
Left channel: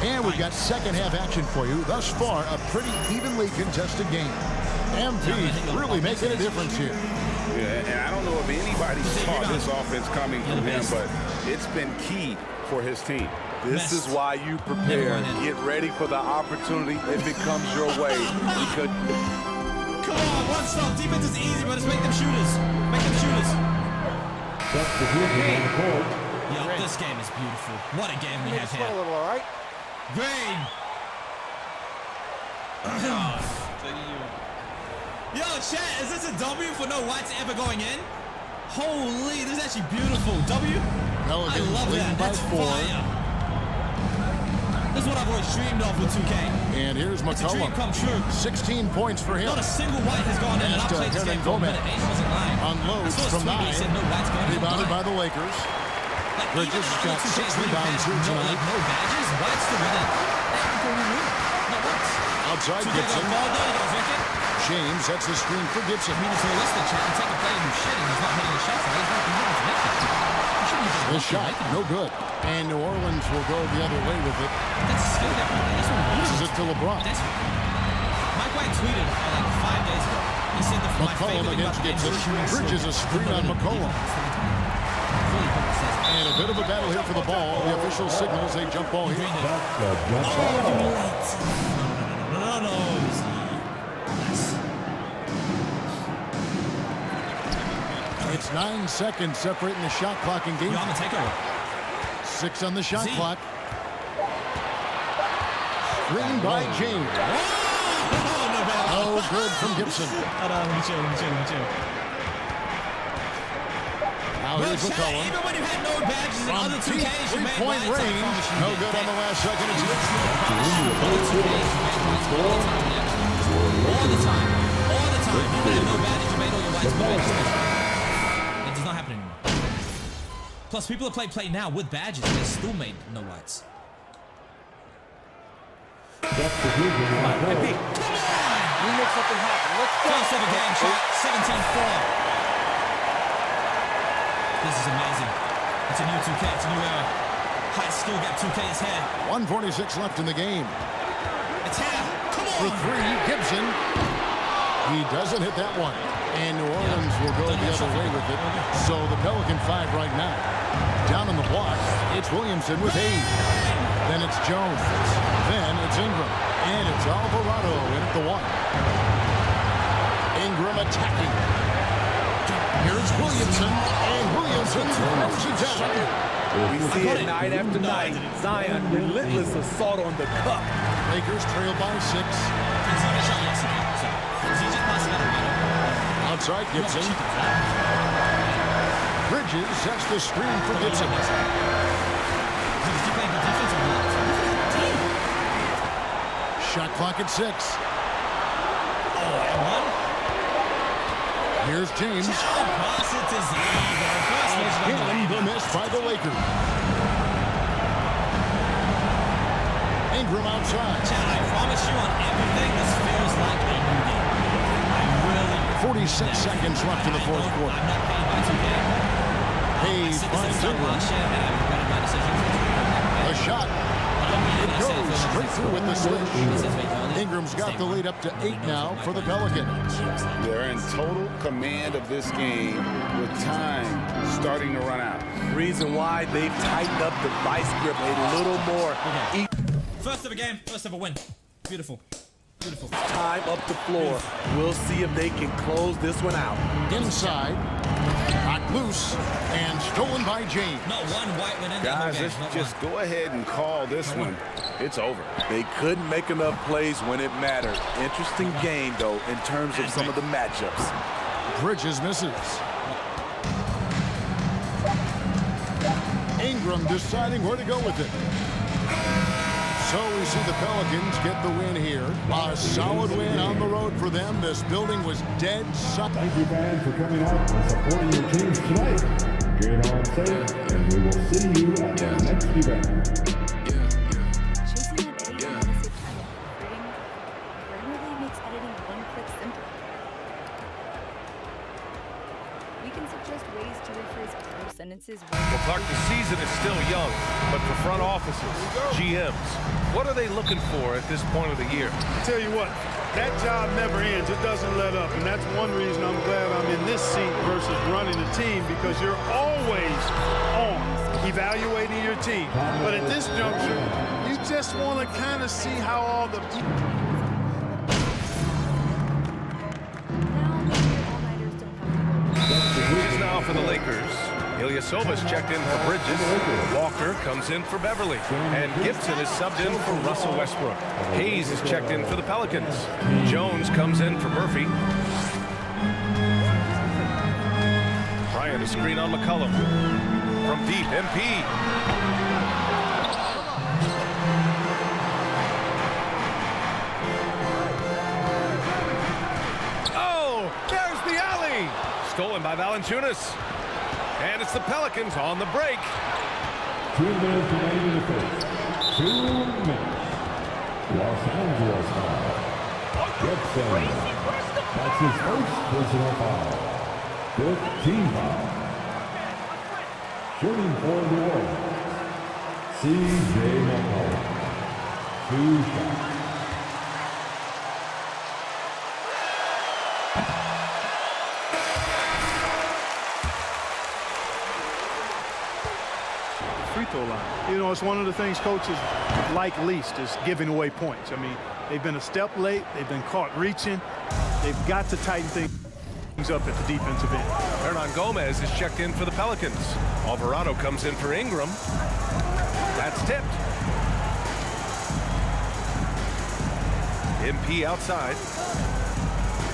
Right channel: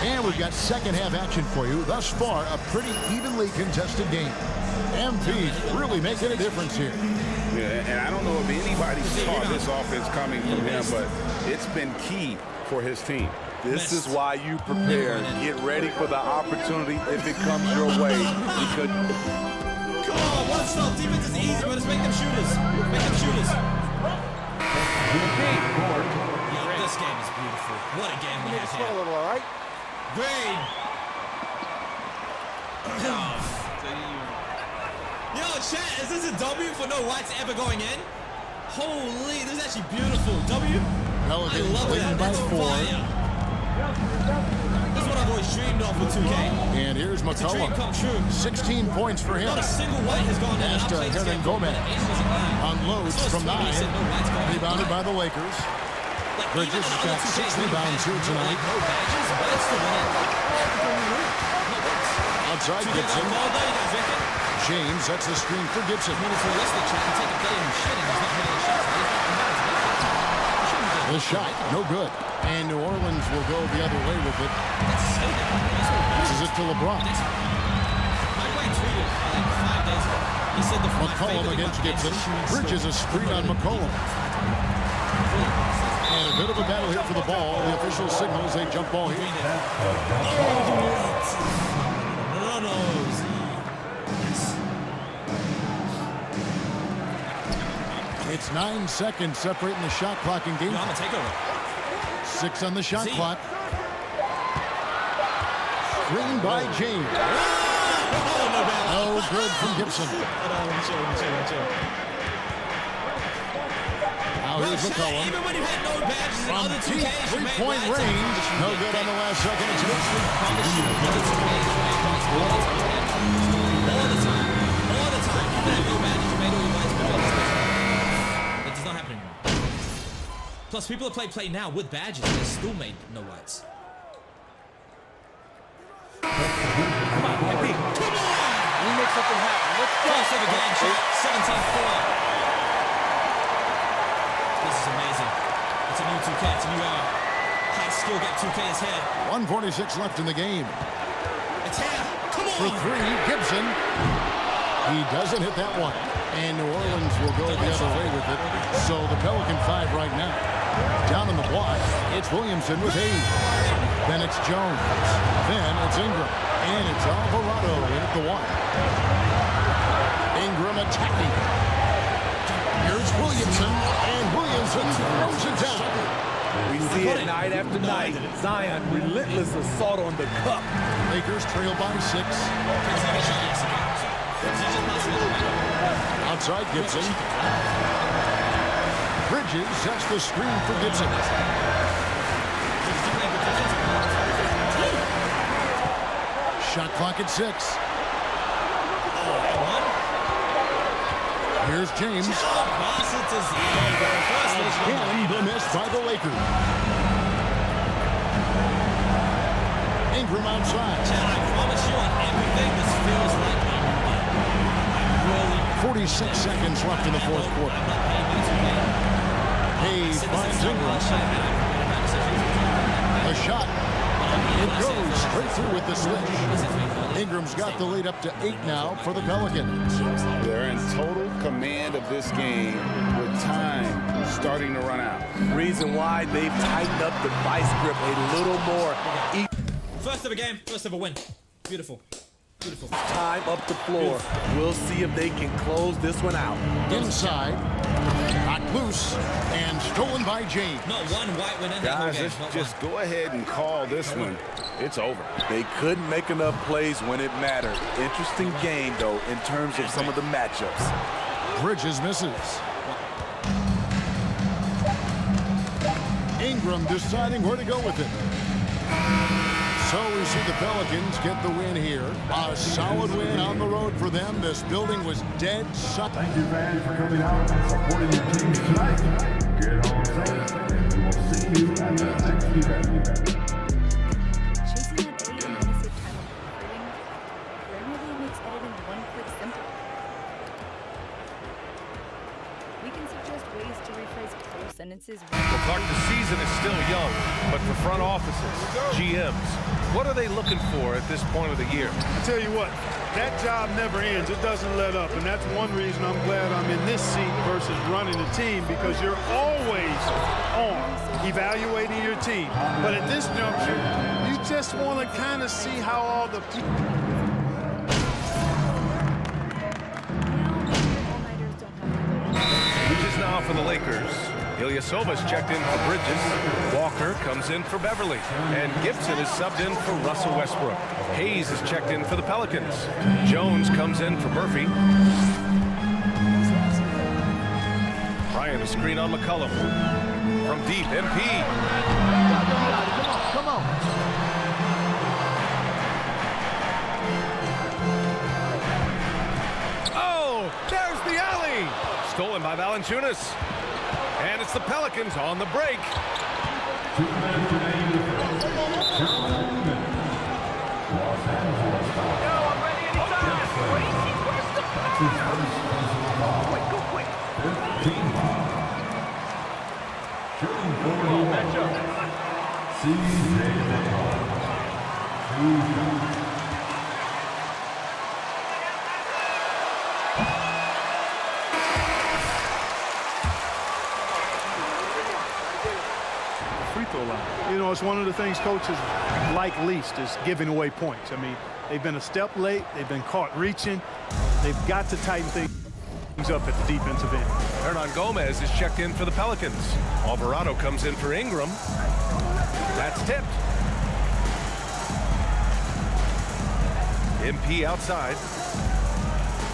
And we've got second half action for you. Thus far, a pretty evenly contested game. MP's really making a difference here. Yeah, and I don't know if anybody saw this offense coming from him, but it's been key for his team. This is why you prepare. Get ready for the opportunity if it comes your way. Because Come on, one stop. Defense is easy, but let's make them shooters. Make them shooters. Yo, this game is beautiful. What a game we have here. a little, all right? Green. Yo, chat, is this a W for no whites ever going in? Holy, this is actually beautiful. W? Pelicans I love leading that. by That's 4. fire. This is what I've always dreamed of with 2K. And here's It's a dream McCollum. come true. 16 points for him. Not a single white has gone in, and I played this game for a minute. Aiden wasn't lying. Unloads I saw his from tweet, 9. he said no whites going in. Rebounded Why? by the Lakers. Like, Bridges even in got other 2Ks, 6 when you rebounds had here tonight. No badges, whites to win it. Not once. Outside 2K got Gibson. ball though, you guys reckon? James sets the screen for Gibson. I mean, it's realistic, chat. You take a player who's shitting, he's not hitting his shots, right? He's not to make it. You shouldn't be just The shot, no good. And New Orleans will go the other way with it. That's a skill gap right there. That's what we Passes it to LeBron. Mike White tweeted like 5 days ago. He said my McCollum favorite thing against about the game is Gibson. the shooting Bridges skill a gap. screen on McCollum. Really hope he says that. And a bit of a battle here for the ball. The official signals a jump ball here. Oh, you late. No. Nice. It's 9 seconds separating the shot clock and game. Yo, I'm gonna take over. 6 on the shot Z. clock. Screen by James. Oh, no bad. Oh, good from Gibson. Hold on, let me chill. Now here's Chat, McCollum. even when you had no badges in From other 2Ks, deep you made three-point whites. I range. promise you No did. good on the last second. It's Other 2Ks, you made whites all the time. All the time. Even at no badges, you made all your whites mid-range special. That does not happen anymore. Plus, people that play now with badges, they still made no whites. Come on, MP. Come on! We make something happen. Let's go. First ever game, chat. 17-4. This is amazing. It's a new 2K. It's a new era. High skill gap 2K is here. 1:46 left in the game. It's here. Come on. For 3, Gibson. He doesn't hit that one. And New Orleans will go the other way with it. So the Pelican 5 right now. Down on the block, it's Williamson with 8. Then it's Jones. Then it's Ingram. And it's Alvarado in at the 1. Ingram attacking. Here's Williamson. And Williamson throws it down. we see it night after night. Zion, relentless assault on the cup. Lakers trail by 6. Yes, he can. So, he just passed it out. Outside Gibson. Bridges sets the screen for Gibson. Shot clock at 6. Oh, and 1. Here's James. Pass it to Z. First Again, the miss by the Lakers. Ingram outside. Chad, I promise you on everything, this feels like a new game. I really... 46 seconds left in the fourth quarter. I'm not paid by 2K. Hayes finds Ingram. And I regretted my decision. A shot. It goes straight through with the switch. Ingram's got the lead up to 8 now for the Pelicans. They're in total command of this game with time starting to run out. Reason why they've tightened up the vice grip a little more. First ever game, first ever win. Beautiful. Time up the floor. We'll see if they can close this one out. Inside. Knocked loose and stolen by James. Not one white win in that Guys, game. let's just go ahead and call this one. It's over. They couldn't make enough plays when it mattered. Interesting game, though, in terms of some of the matchups. Bridges misses. Ingram deciding where to go with it. So we see the Pelicans get the win here. A solid win on the road for them. This building was dead suck. Thank you, fans, for coming out and supporting your teams tonight. Get home safe, and we will see you at the next event. Chasing that edit and want to save time on proofreading? Grammarly makes editing one click simple. We can suggest ways to rephrase close sentences. Well, Clark, the season is still young, but for front offices, GMs, what are they looking for at this point of the year? I tell you what, that job never ends. It doesn't let up, and that's one reason I'm glad I'm in this seat versus running the team, because you're always on evaluating your team. But at this juncture, you just want to kind of see how all the people. Bridges now for the Lakers. Ilyasova's checked in for Bridges. Walker comes in for Beverly. And Gibson is subbed in for Russell Westbrook. Hayes is checked in for the Pelicans. Jones comes in for Murphy. Bryant a screen on McCollum. From deep, MP. Come on. Oh, there's the alley. Stolen by Valanciunas. And it's the Pelicans on the break. 2 minutes remaining in the first. 2 minutes. Los Angeles foul. Gibson. That's his first personal foul. 15 foul. Shooting for New Orleans. C.J. McCollum. 2 shots. Free throw line. You know, it's one of the things coaches like least is giving away points. I mean, they've been a step late. They've been caught reaching. They've got to tighten things up at the defensive end. Hernan Gomez is checked in for the Pelicans. Alvarado comes in for Ingram. That's tipped. MP outside.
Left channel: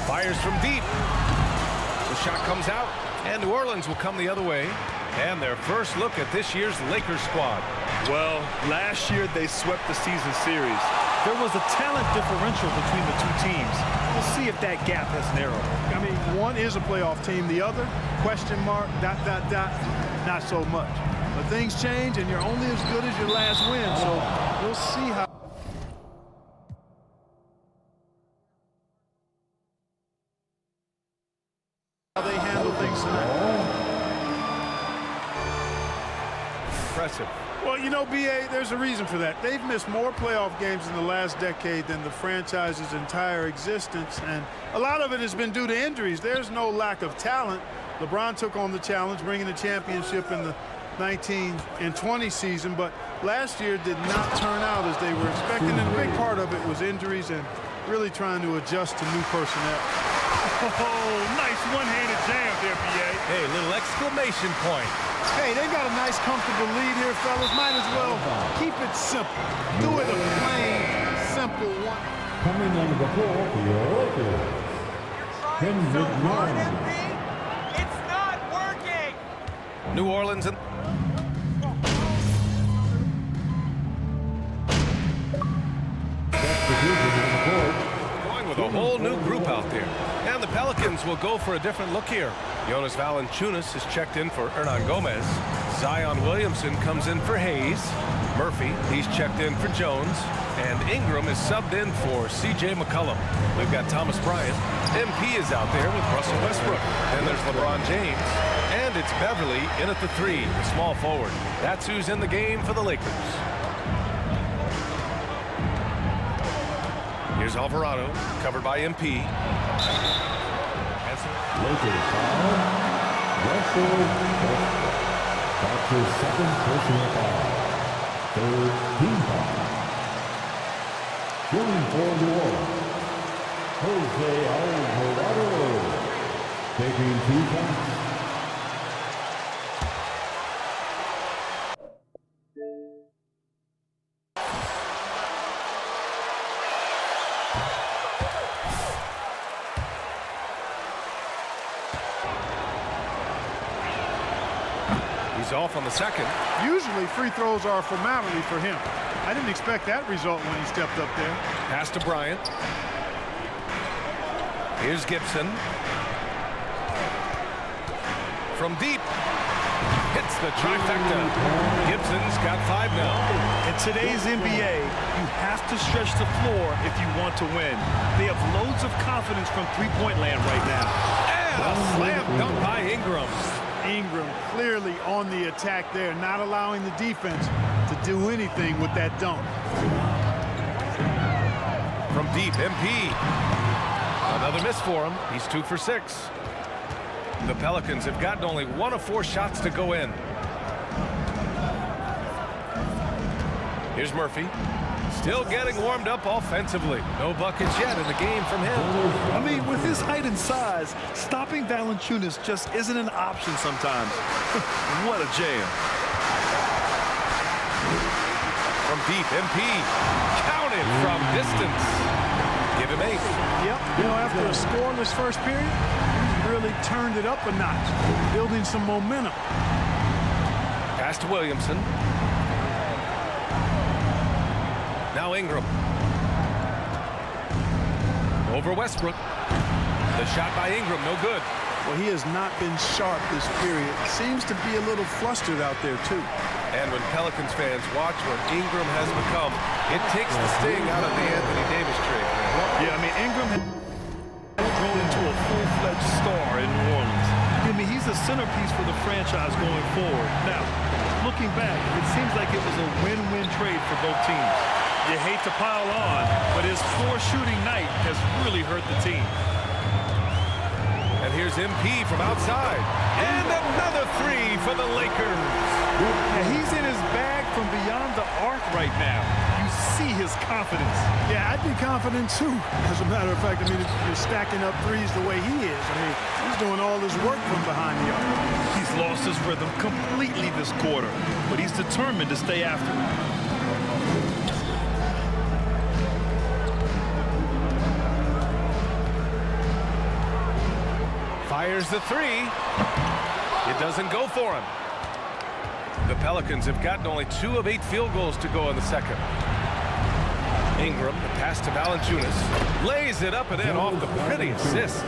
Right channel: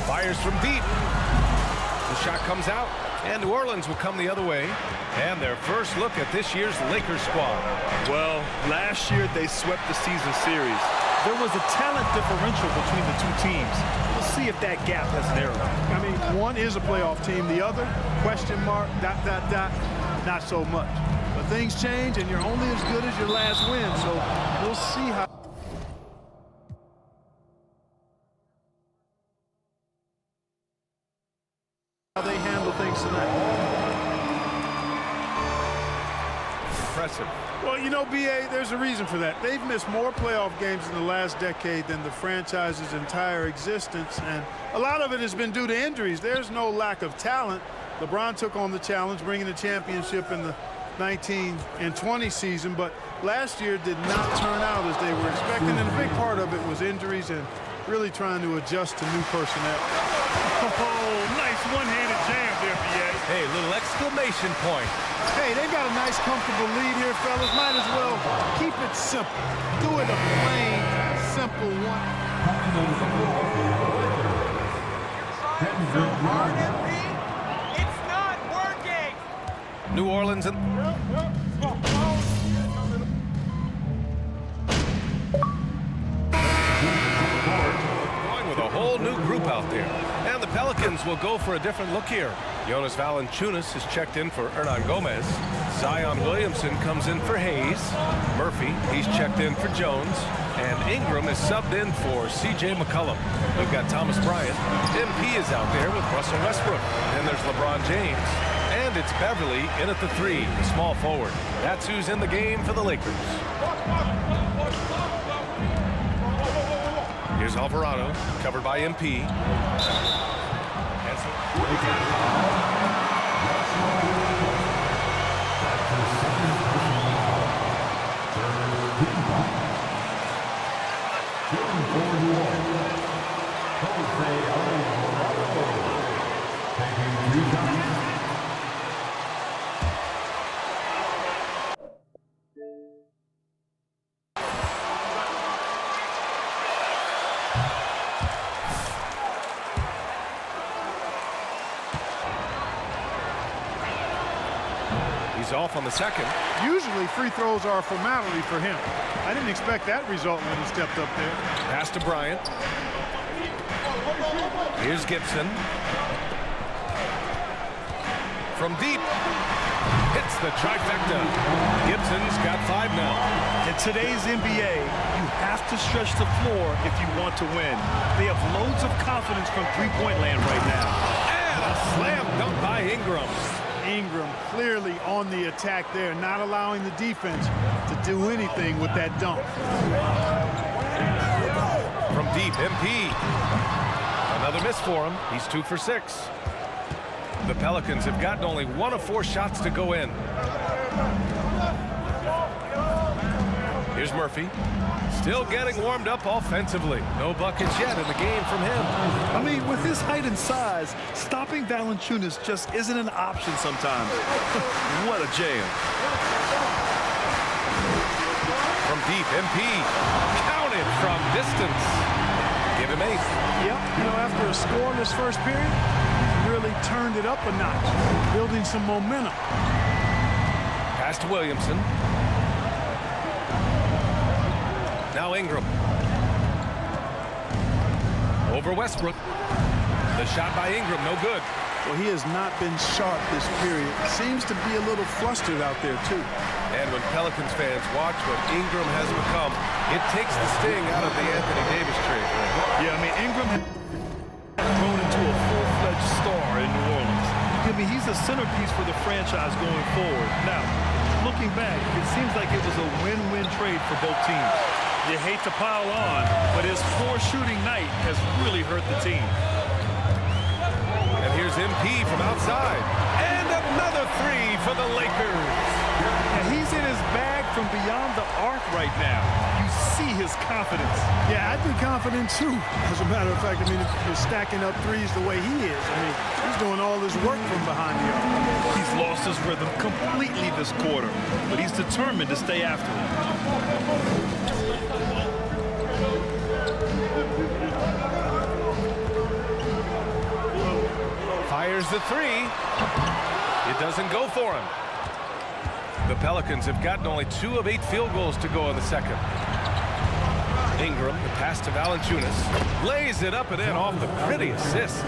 Fires from deep. The shot comes out, and New Orleans will come the other way. And their first look at this year's Lakers squad. Well, last year they swept the season series. There was a talent differential between the two teams. We'll see if that gap has narrowed. I mean, one is a playoff team. The other, question mark, ... not so much. But things change, and you're only as good as your last win. So we'll see how they handle things tonight. Impressive. Well, you know, B.A., there's a reason for that. They've missed more playoff games in the last decade than the franchise's entire existence, and a lot of it has been due to injuries. There's no lack of talent. LeBron took on the challenge, bringing the championship in the 19 and 20 season, but last year did not turn out as they were expecting, and a big part of it was injuries and really trying to adjust to new personnel. Oh, nice one-handed jam there, B.A. Hey, little exclamation point. Hey, they've got a nice, comfortable lead here, fellas. Might as well keep it simple. Do it a plain, simple one. Coming into the floor for your Lakers. Kendrick Nunn. It's not working. New Orleans and going with a whole new group out there. And the Pelicans will go for a different look here. Jonas Valanciunas is checked in for Hernan Gomez. Zion Williamson comes in for Hayes. Murphy, he's checked in for Jones. And Ingram is subbed in for C.J. McCollum. We've got Thomas Bryant. MP is out there with Russell Westbrook. Then there's LeBron James. And it's Beverly in at the 3, the small forward. That's who's in the game for the Lakers. Here's Alvarado, covered by MP. Lakers foul. Russell Westbrook. That's his second personal foul. 13 foul. Shooting for New Orleans. Jose Alvarado. Taking 2 shots. He's off on the second. Usually free throws are a formality for him. I didn't expect that result when he stepped up there. Pass to Bryant. Here's Gibson. From deep. Hits the trifecta. Gibson's got 5 now. In today's NBA, you have to stretch the floor if you want to win. They have loads of confidence from three-point land right now. And a slam dunk by Ingram. Ingram clearly on the attack there, not allowing the defense to do anything with that dunk. From deep, MP. Another miss for him. He's 2 for 6. The Pelicans have gotten only 1 of 4 shots to go in. Here's Murphy. Still getting warmed up offensively. No buckets yet in the game from him. I mean, with his height and size, stopping Valanciunas just isn't an option sometimes. What a jam. From deep, MP. Counted from distance. Give him 8. Yep, you know, after a scoreless first period, he's really turned it up a notch, building some momentum. Pass to Williamson. Now Ingram. Over Westbrook. The shot by Ingram, no good. Well, he has not been sharp this period. Seems to be a little flustered out there, too. And when Pelicans fans watch what Ingram has become, it takes the sting out of the Anthony Davis trade, Grant. Yeah, I mean, Ingram has grown into a full-fledged star in New Orleans. I mean, he's a centerpiece for the franchise going forward. Now, looking back, it seems like it was a win-win trade for both teams. You hate to pile on, but his poor shooting night has really hurt the team. And here's MP from outside. And another 3 for the Lakers. Yeah, he's in his bag from beyond the arc right now. You see his confidence. Yeah, I'd be confident, too. As a matter of fact, I mean, if you're stacking up threes the way he is, I mean, he's doing all his work from behind the arc. He's lost his rhythm completely this quarter, but he's determined to stay after it. Fires the 3. It doesn't go for him. The Pelicans have gotten only 2 of 8 field goals to go in the second. Ingram, the pass to Valanciunas. Lays it up and in off the pretty assist.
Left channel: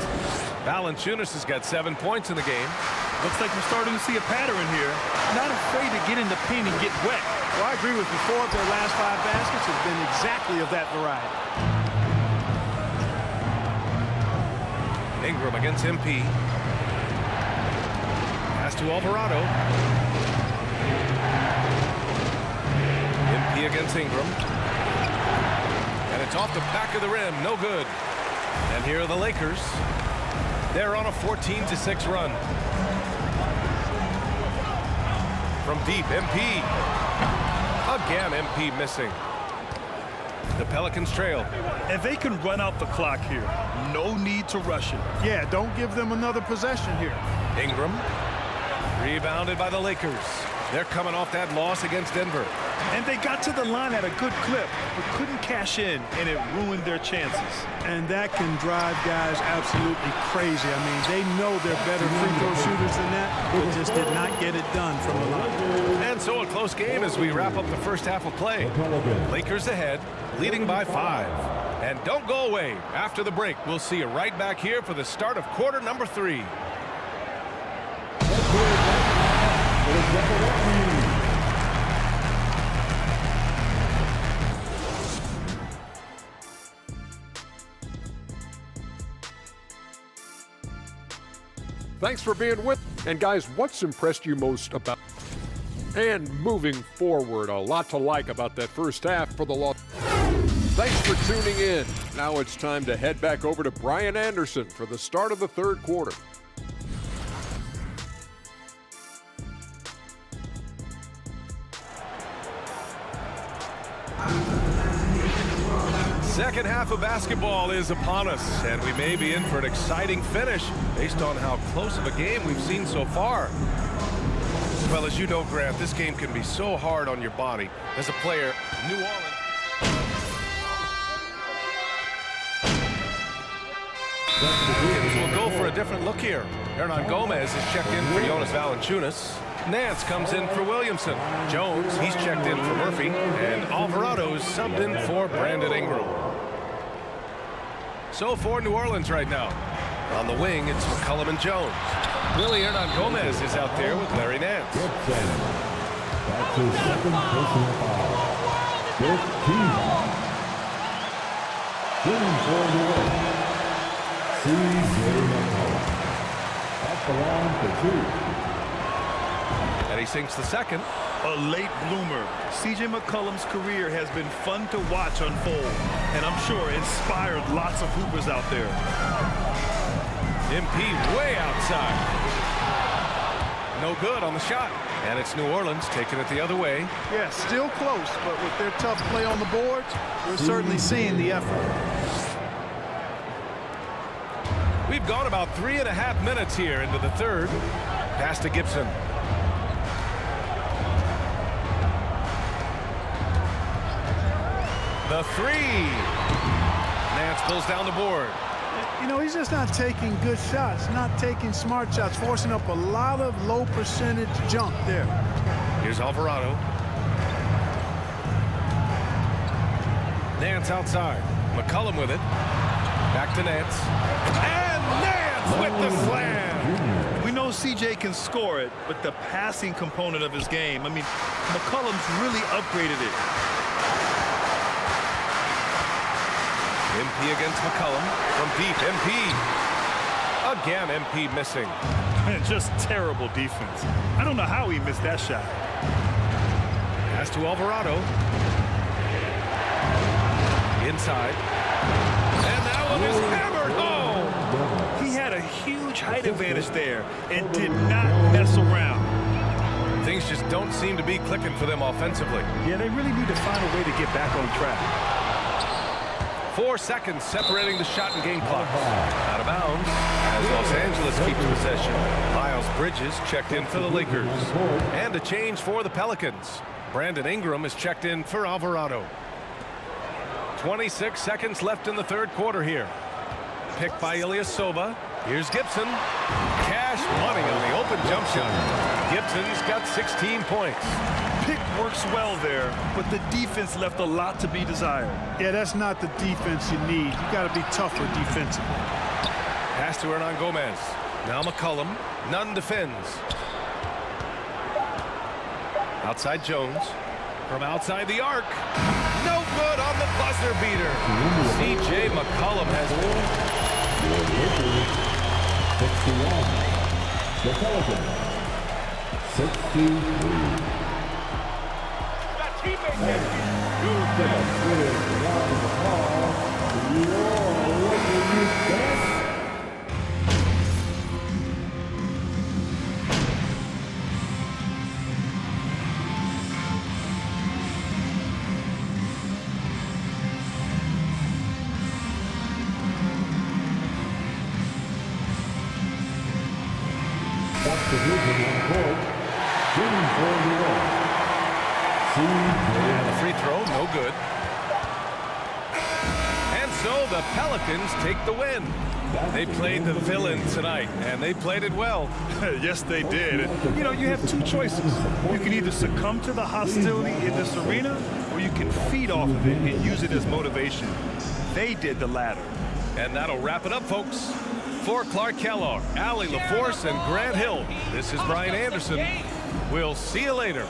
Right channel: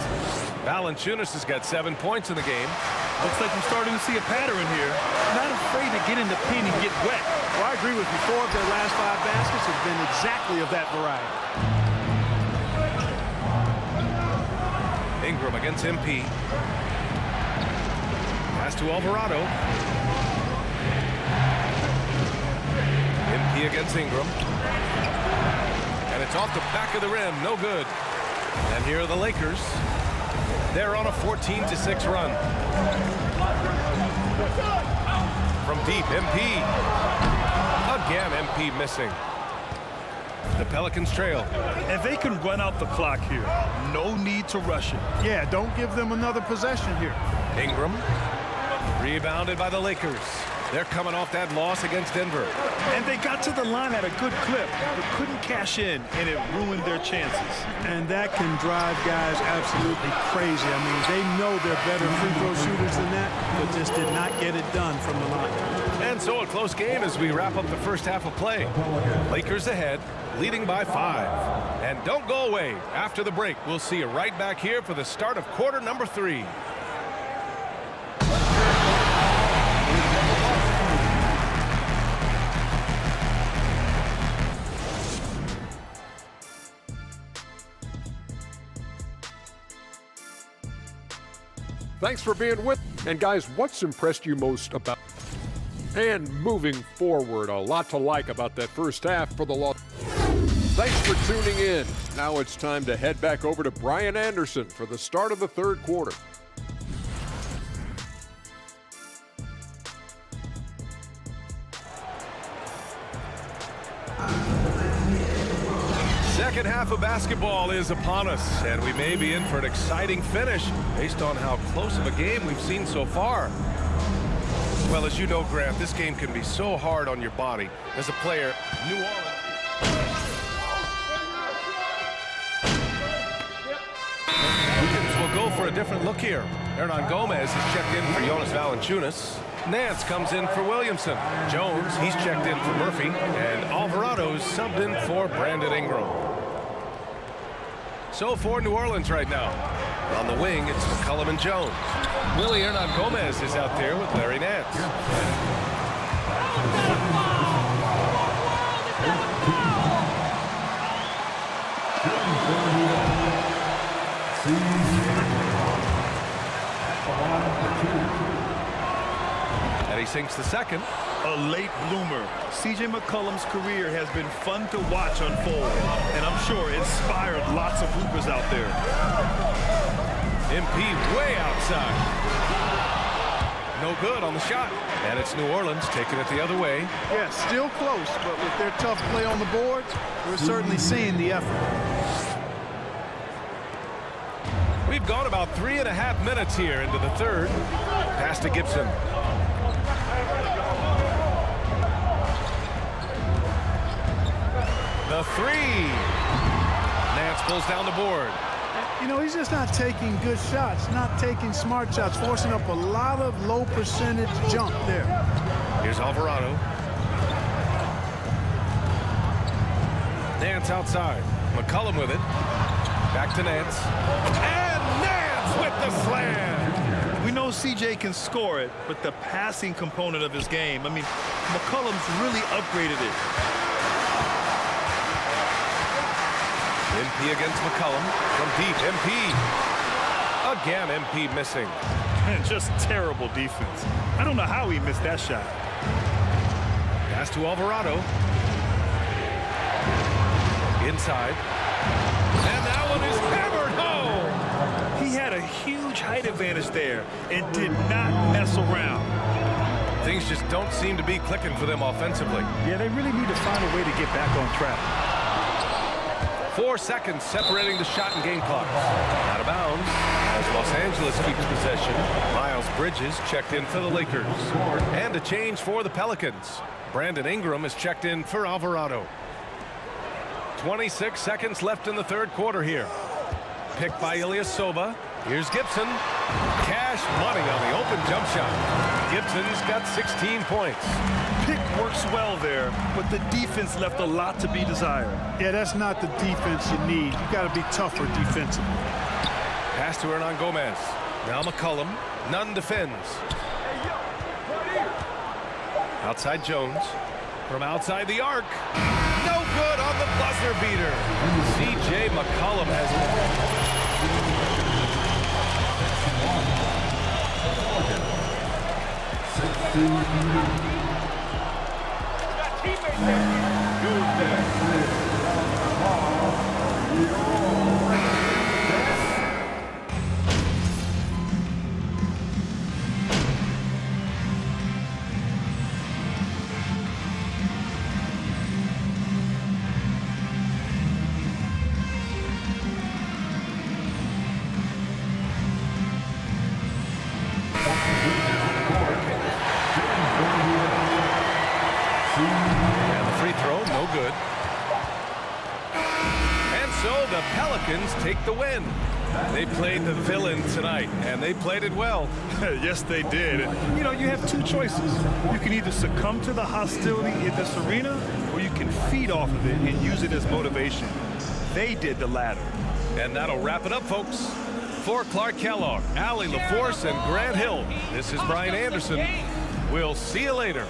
Valanciunas has got 7 points in the game. Looks like we're starting to see a pattern here. Not afraid to get in the paint and get wet. Well, I agree with you. 4 of their last 5 baskets have been exactly of that variety. Ingram against MP. Pass to Alvarado. MP against Ingram. And it's off the back of the rim. No good. And here are the Lakers. They're on a 14-6 run. From deep, MP. Again, MP missing. The Pelicans trail. And they can run out the clock here. No need to rush it. Yeah, don't give them another possession here. Ingram. Rebounded by the Lakers. They're coming off that loss against Denver. And they got to the line at a good clip, but couldn't cash in, and it ruined their chances. And that can drive guys absolutely crazy. I mean, they know they're better free throw shooters than that, but just did not get it done from the line. And so a close game as we wrap up the first half of play. Lakers ahead, leading by 5. And don't go away. After the break, we'll see you right back here for the start of quarter number 3. Thanks for being with. And guys, what's impressed you most about and moving forward? A lot to like about that first half for the Los. Thanks for tuning in. Now it's time to head back over to Brian Anderson for the start of the third quarter. Second half of basketball is upon us, and we may be in for an exciting finish based on how close of a game we've seen so far. Well, as you know, Grant, this game can be so hard on your body. As a player, New Orleans. Will go for a different look here. Hernan Gomez is checked in for Jonas Valanciunas. Nance comes in for Williamson. Jones, he's checked in for Murphy. And Alvarado's subbed in for Brandon Ingram. So for New Orleans right now. On the wing, it's McCollum and Jones. Willie Hernan Gomez is out there with Larry Nance. And he sinks the second. A late bloomer. C.J. McCollum's career has been fun to watch unfold, and I'm sure inspired lots of hoopers out there. MP way outside. No good on the shot. And it's New Orleans taking it the other way. Yeah, still close, but with their tough play on the boards, we're certainly seeing the effort. We've gone about 3.5 minutes here into the third. Pass to Gibson. The three. Nance pulls down the board. You know, he's just not taking good shots, not taking smart shots, forcing up a lot of low percentage jump there. Here's Alvarado. Nance outside. McCollum with it. Back to Nance. And Nance with the slam. We know CJ can score it, but the passing component of his game, I mean, McCollum's really upgraded it. MP against McCollum from deep. MP. Again, MP missing. And just terrible defense. I don't know how he missed that shot. Pass to Alvarado. Inside. And that one is hammered home. He had a huge height advantage there and did not mess around. Things just don't seem to be clicking for them offensively. Yeah, they really need to find a way to get back on track. 4 seconds separating the shot and game clock. Out of bounds as Los Angeles keeps possession. Miles Bridges checked in for the Lakers. And a change for the Pelicans. Brandon Ingram is checked in for Alvarado. 26 seconds left in the third quarter here. Picked by Ilyasova. Here's Gibson. Cash money on the open jump shot. Gibson's got 16 points. Pick works well there, but the defense left a lot to be desired. Yeah, that's not the defense you need. You got to be tougher defensively. Pass to Hernan Gomez. Now McCollum. Nunn defends. Outside Jones. From outside the arc. No good on the buzzer beater. C.J. McCollum has been. Teammates that can use that. And the free throw, no good. And so the Pelicans take the win. They played the villain tonight, and they played it well. Yes, they did. You know, you have two choices. You can either succumb to the hostility in this arena, or you can feed off of it and use it as motivation. They did the latter. And that'll wrap it up, folks. For Clark Kellogg, Allie LaForce, and Grant Hill, this is Brian Anderson. We'll see you later.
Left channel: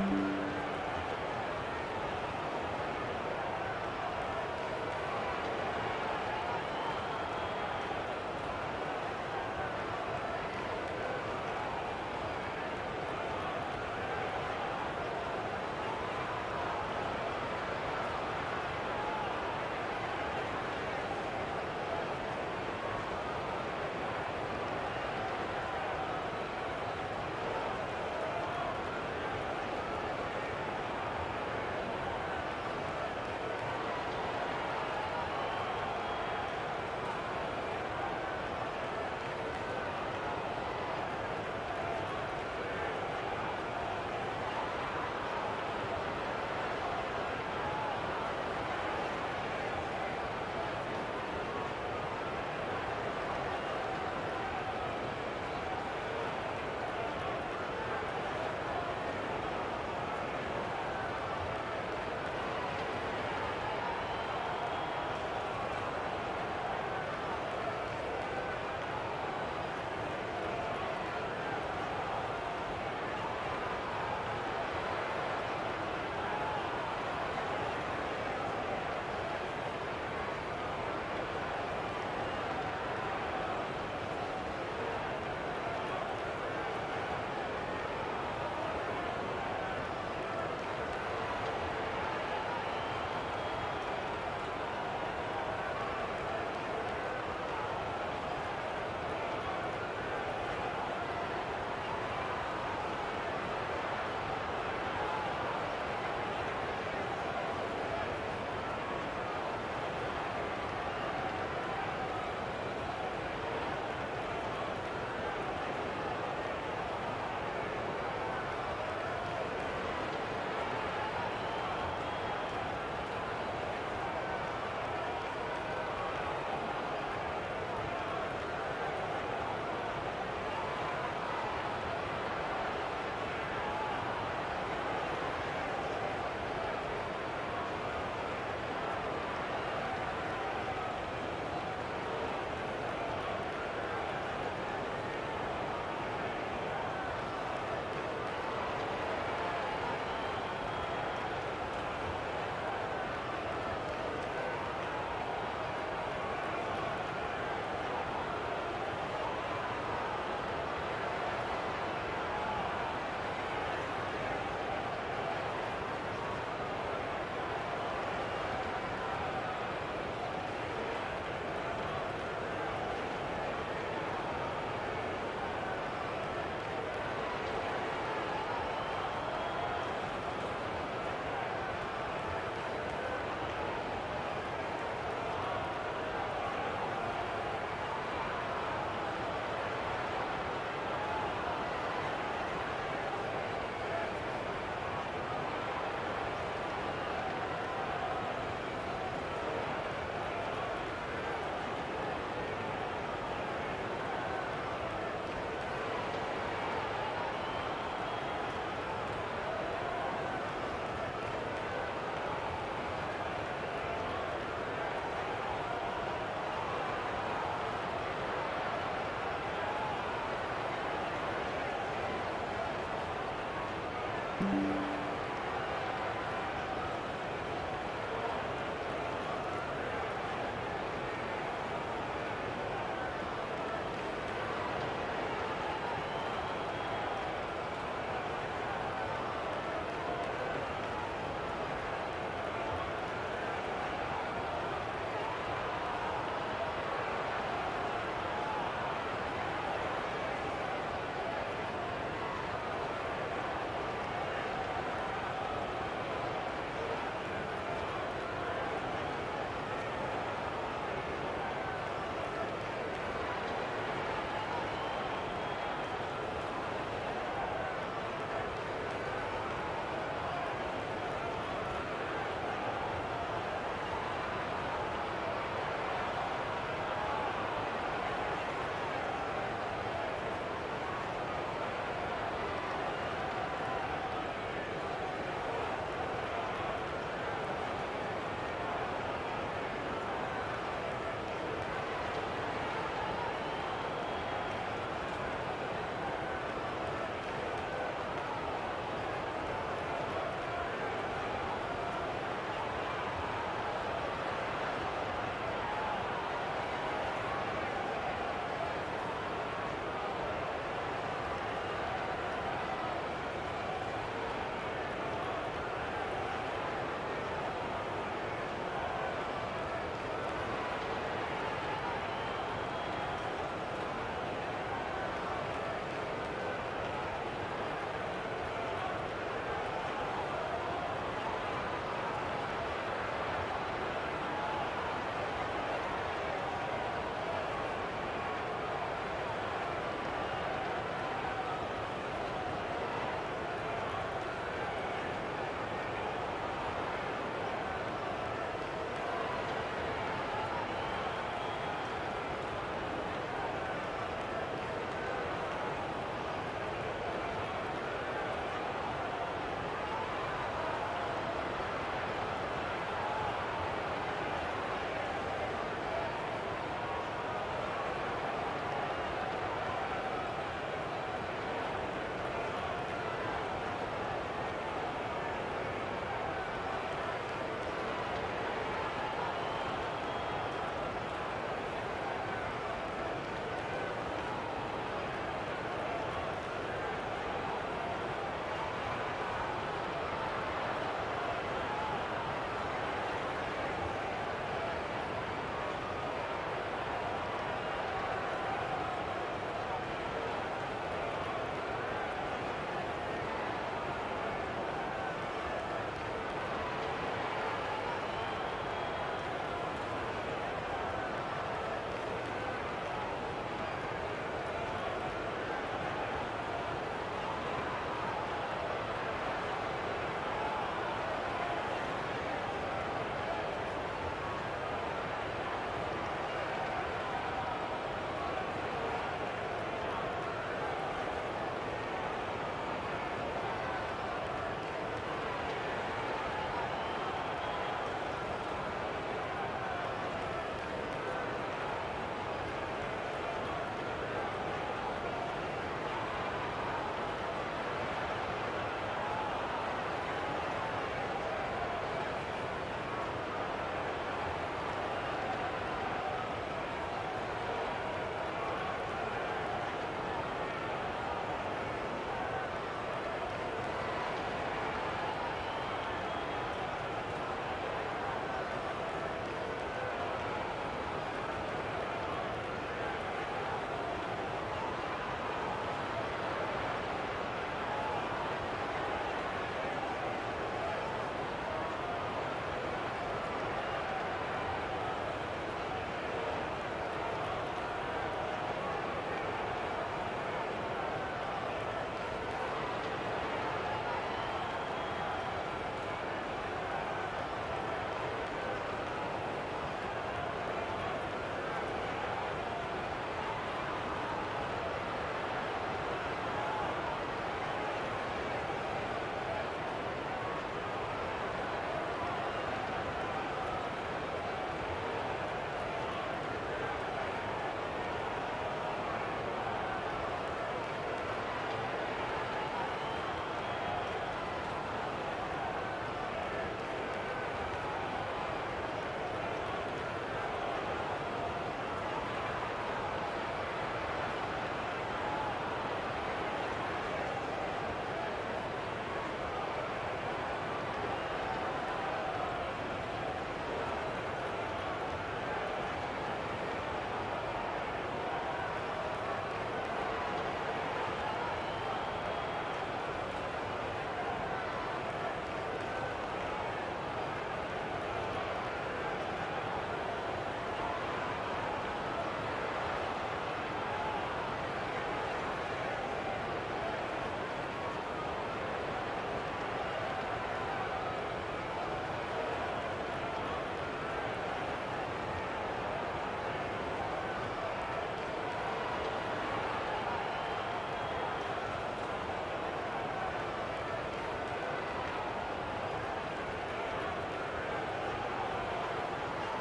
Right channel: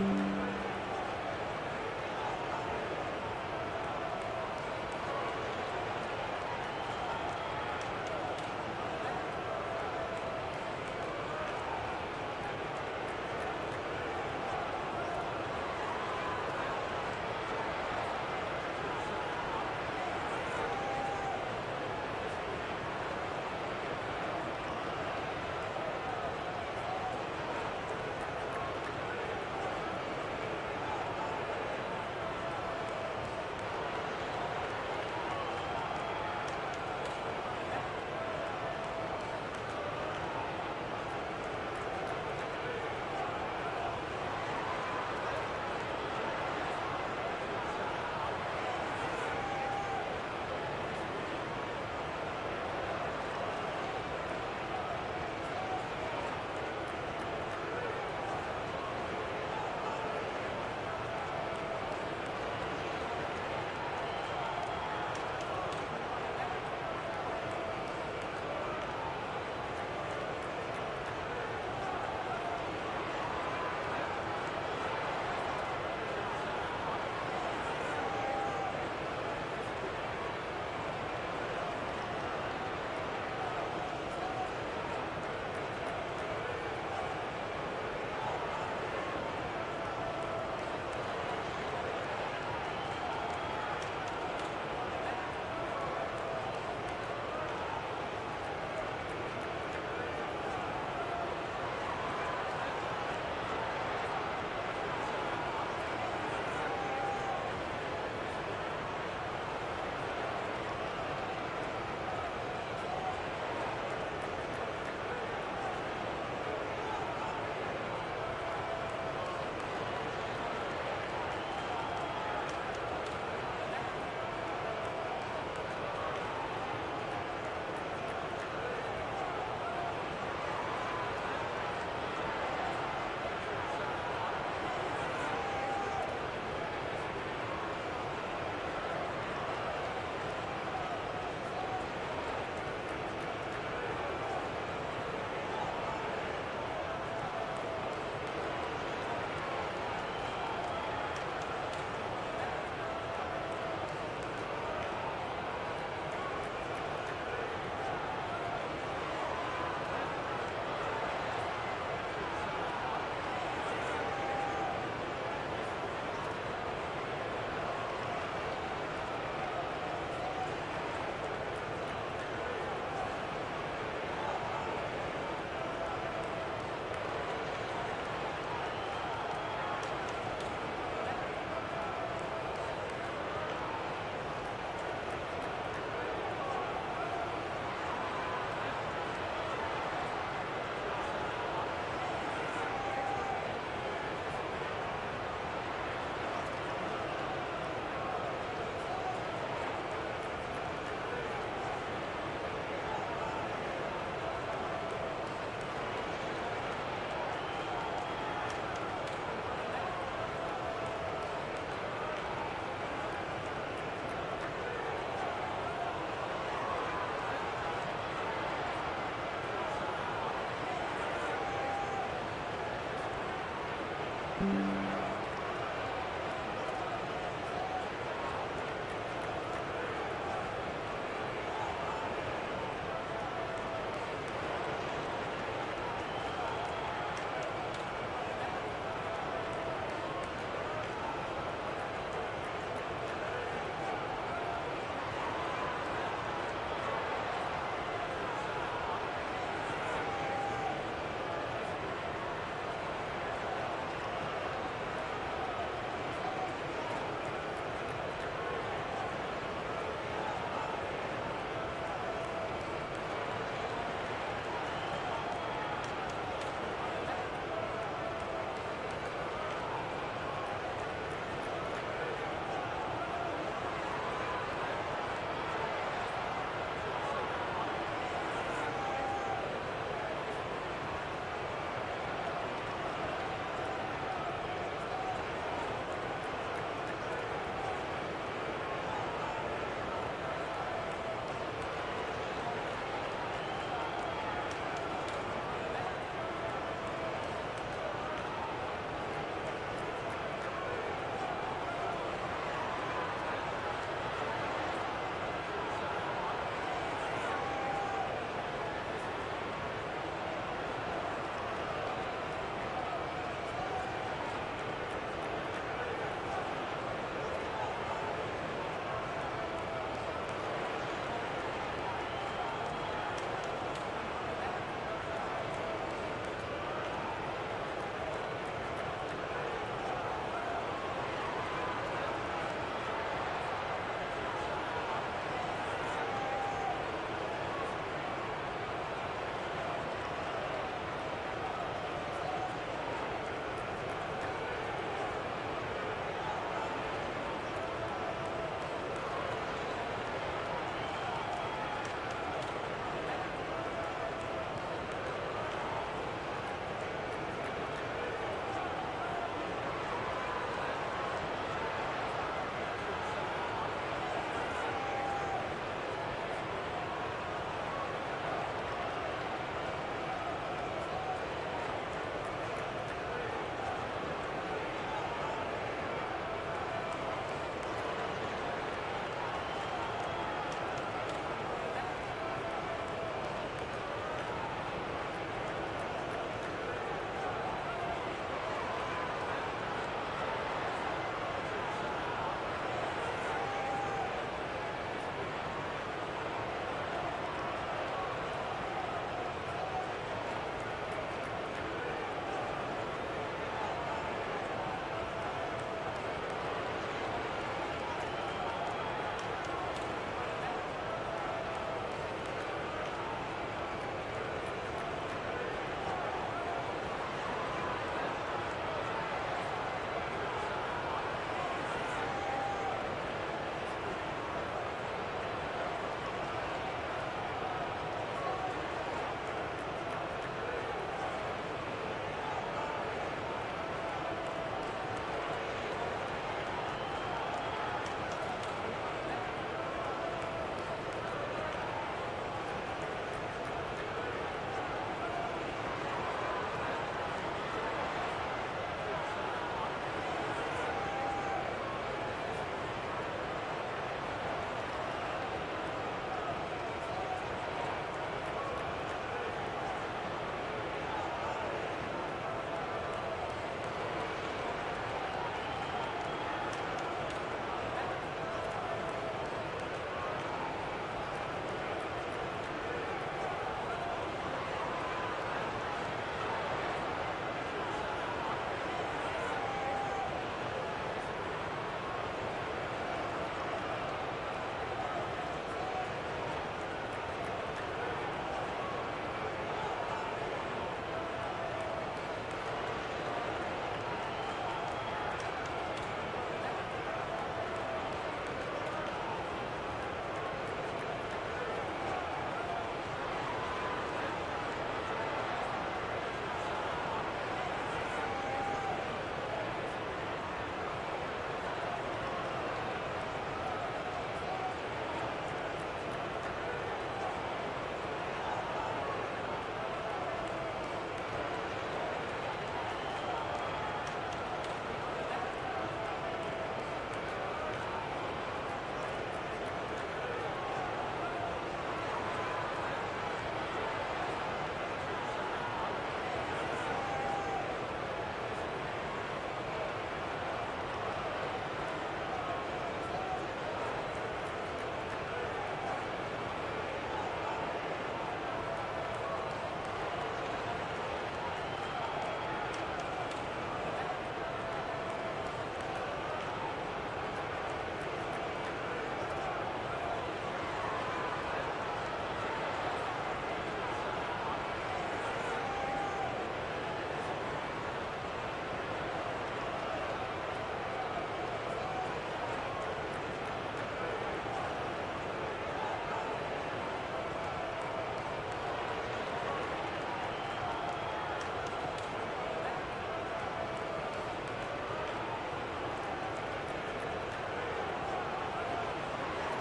Bye.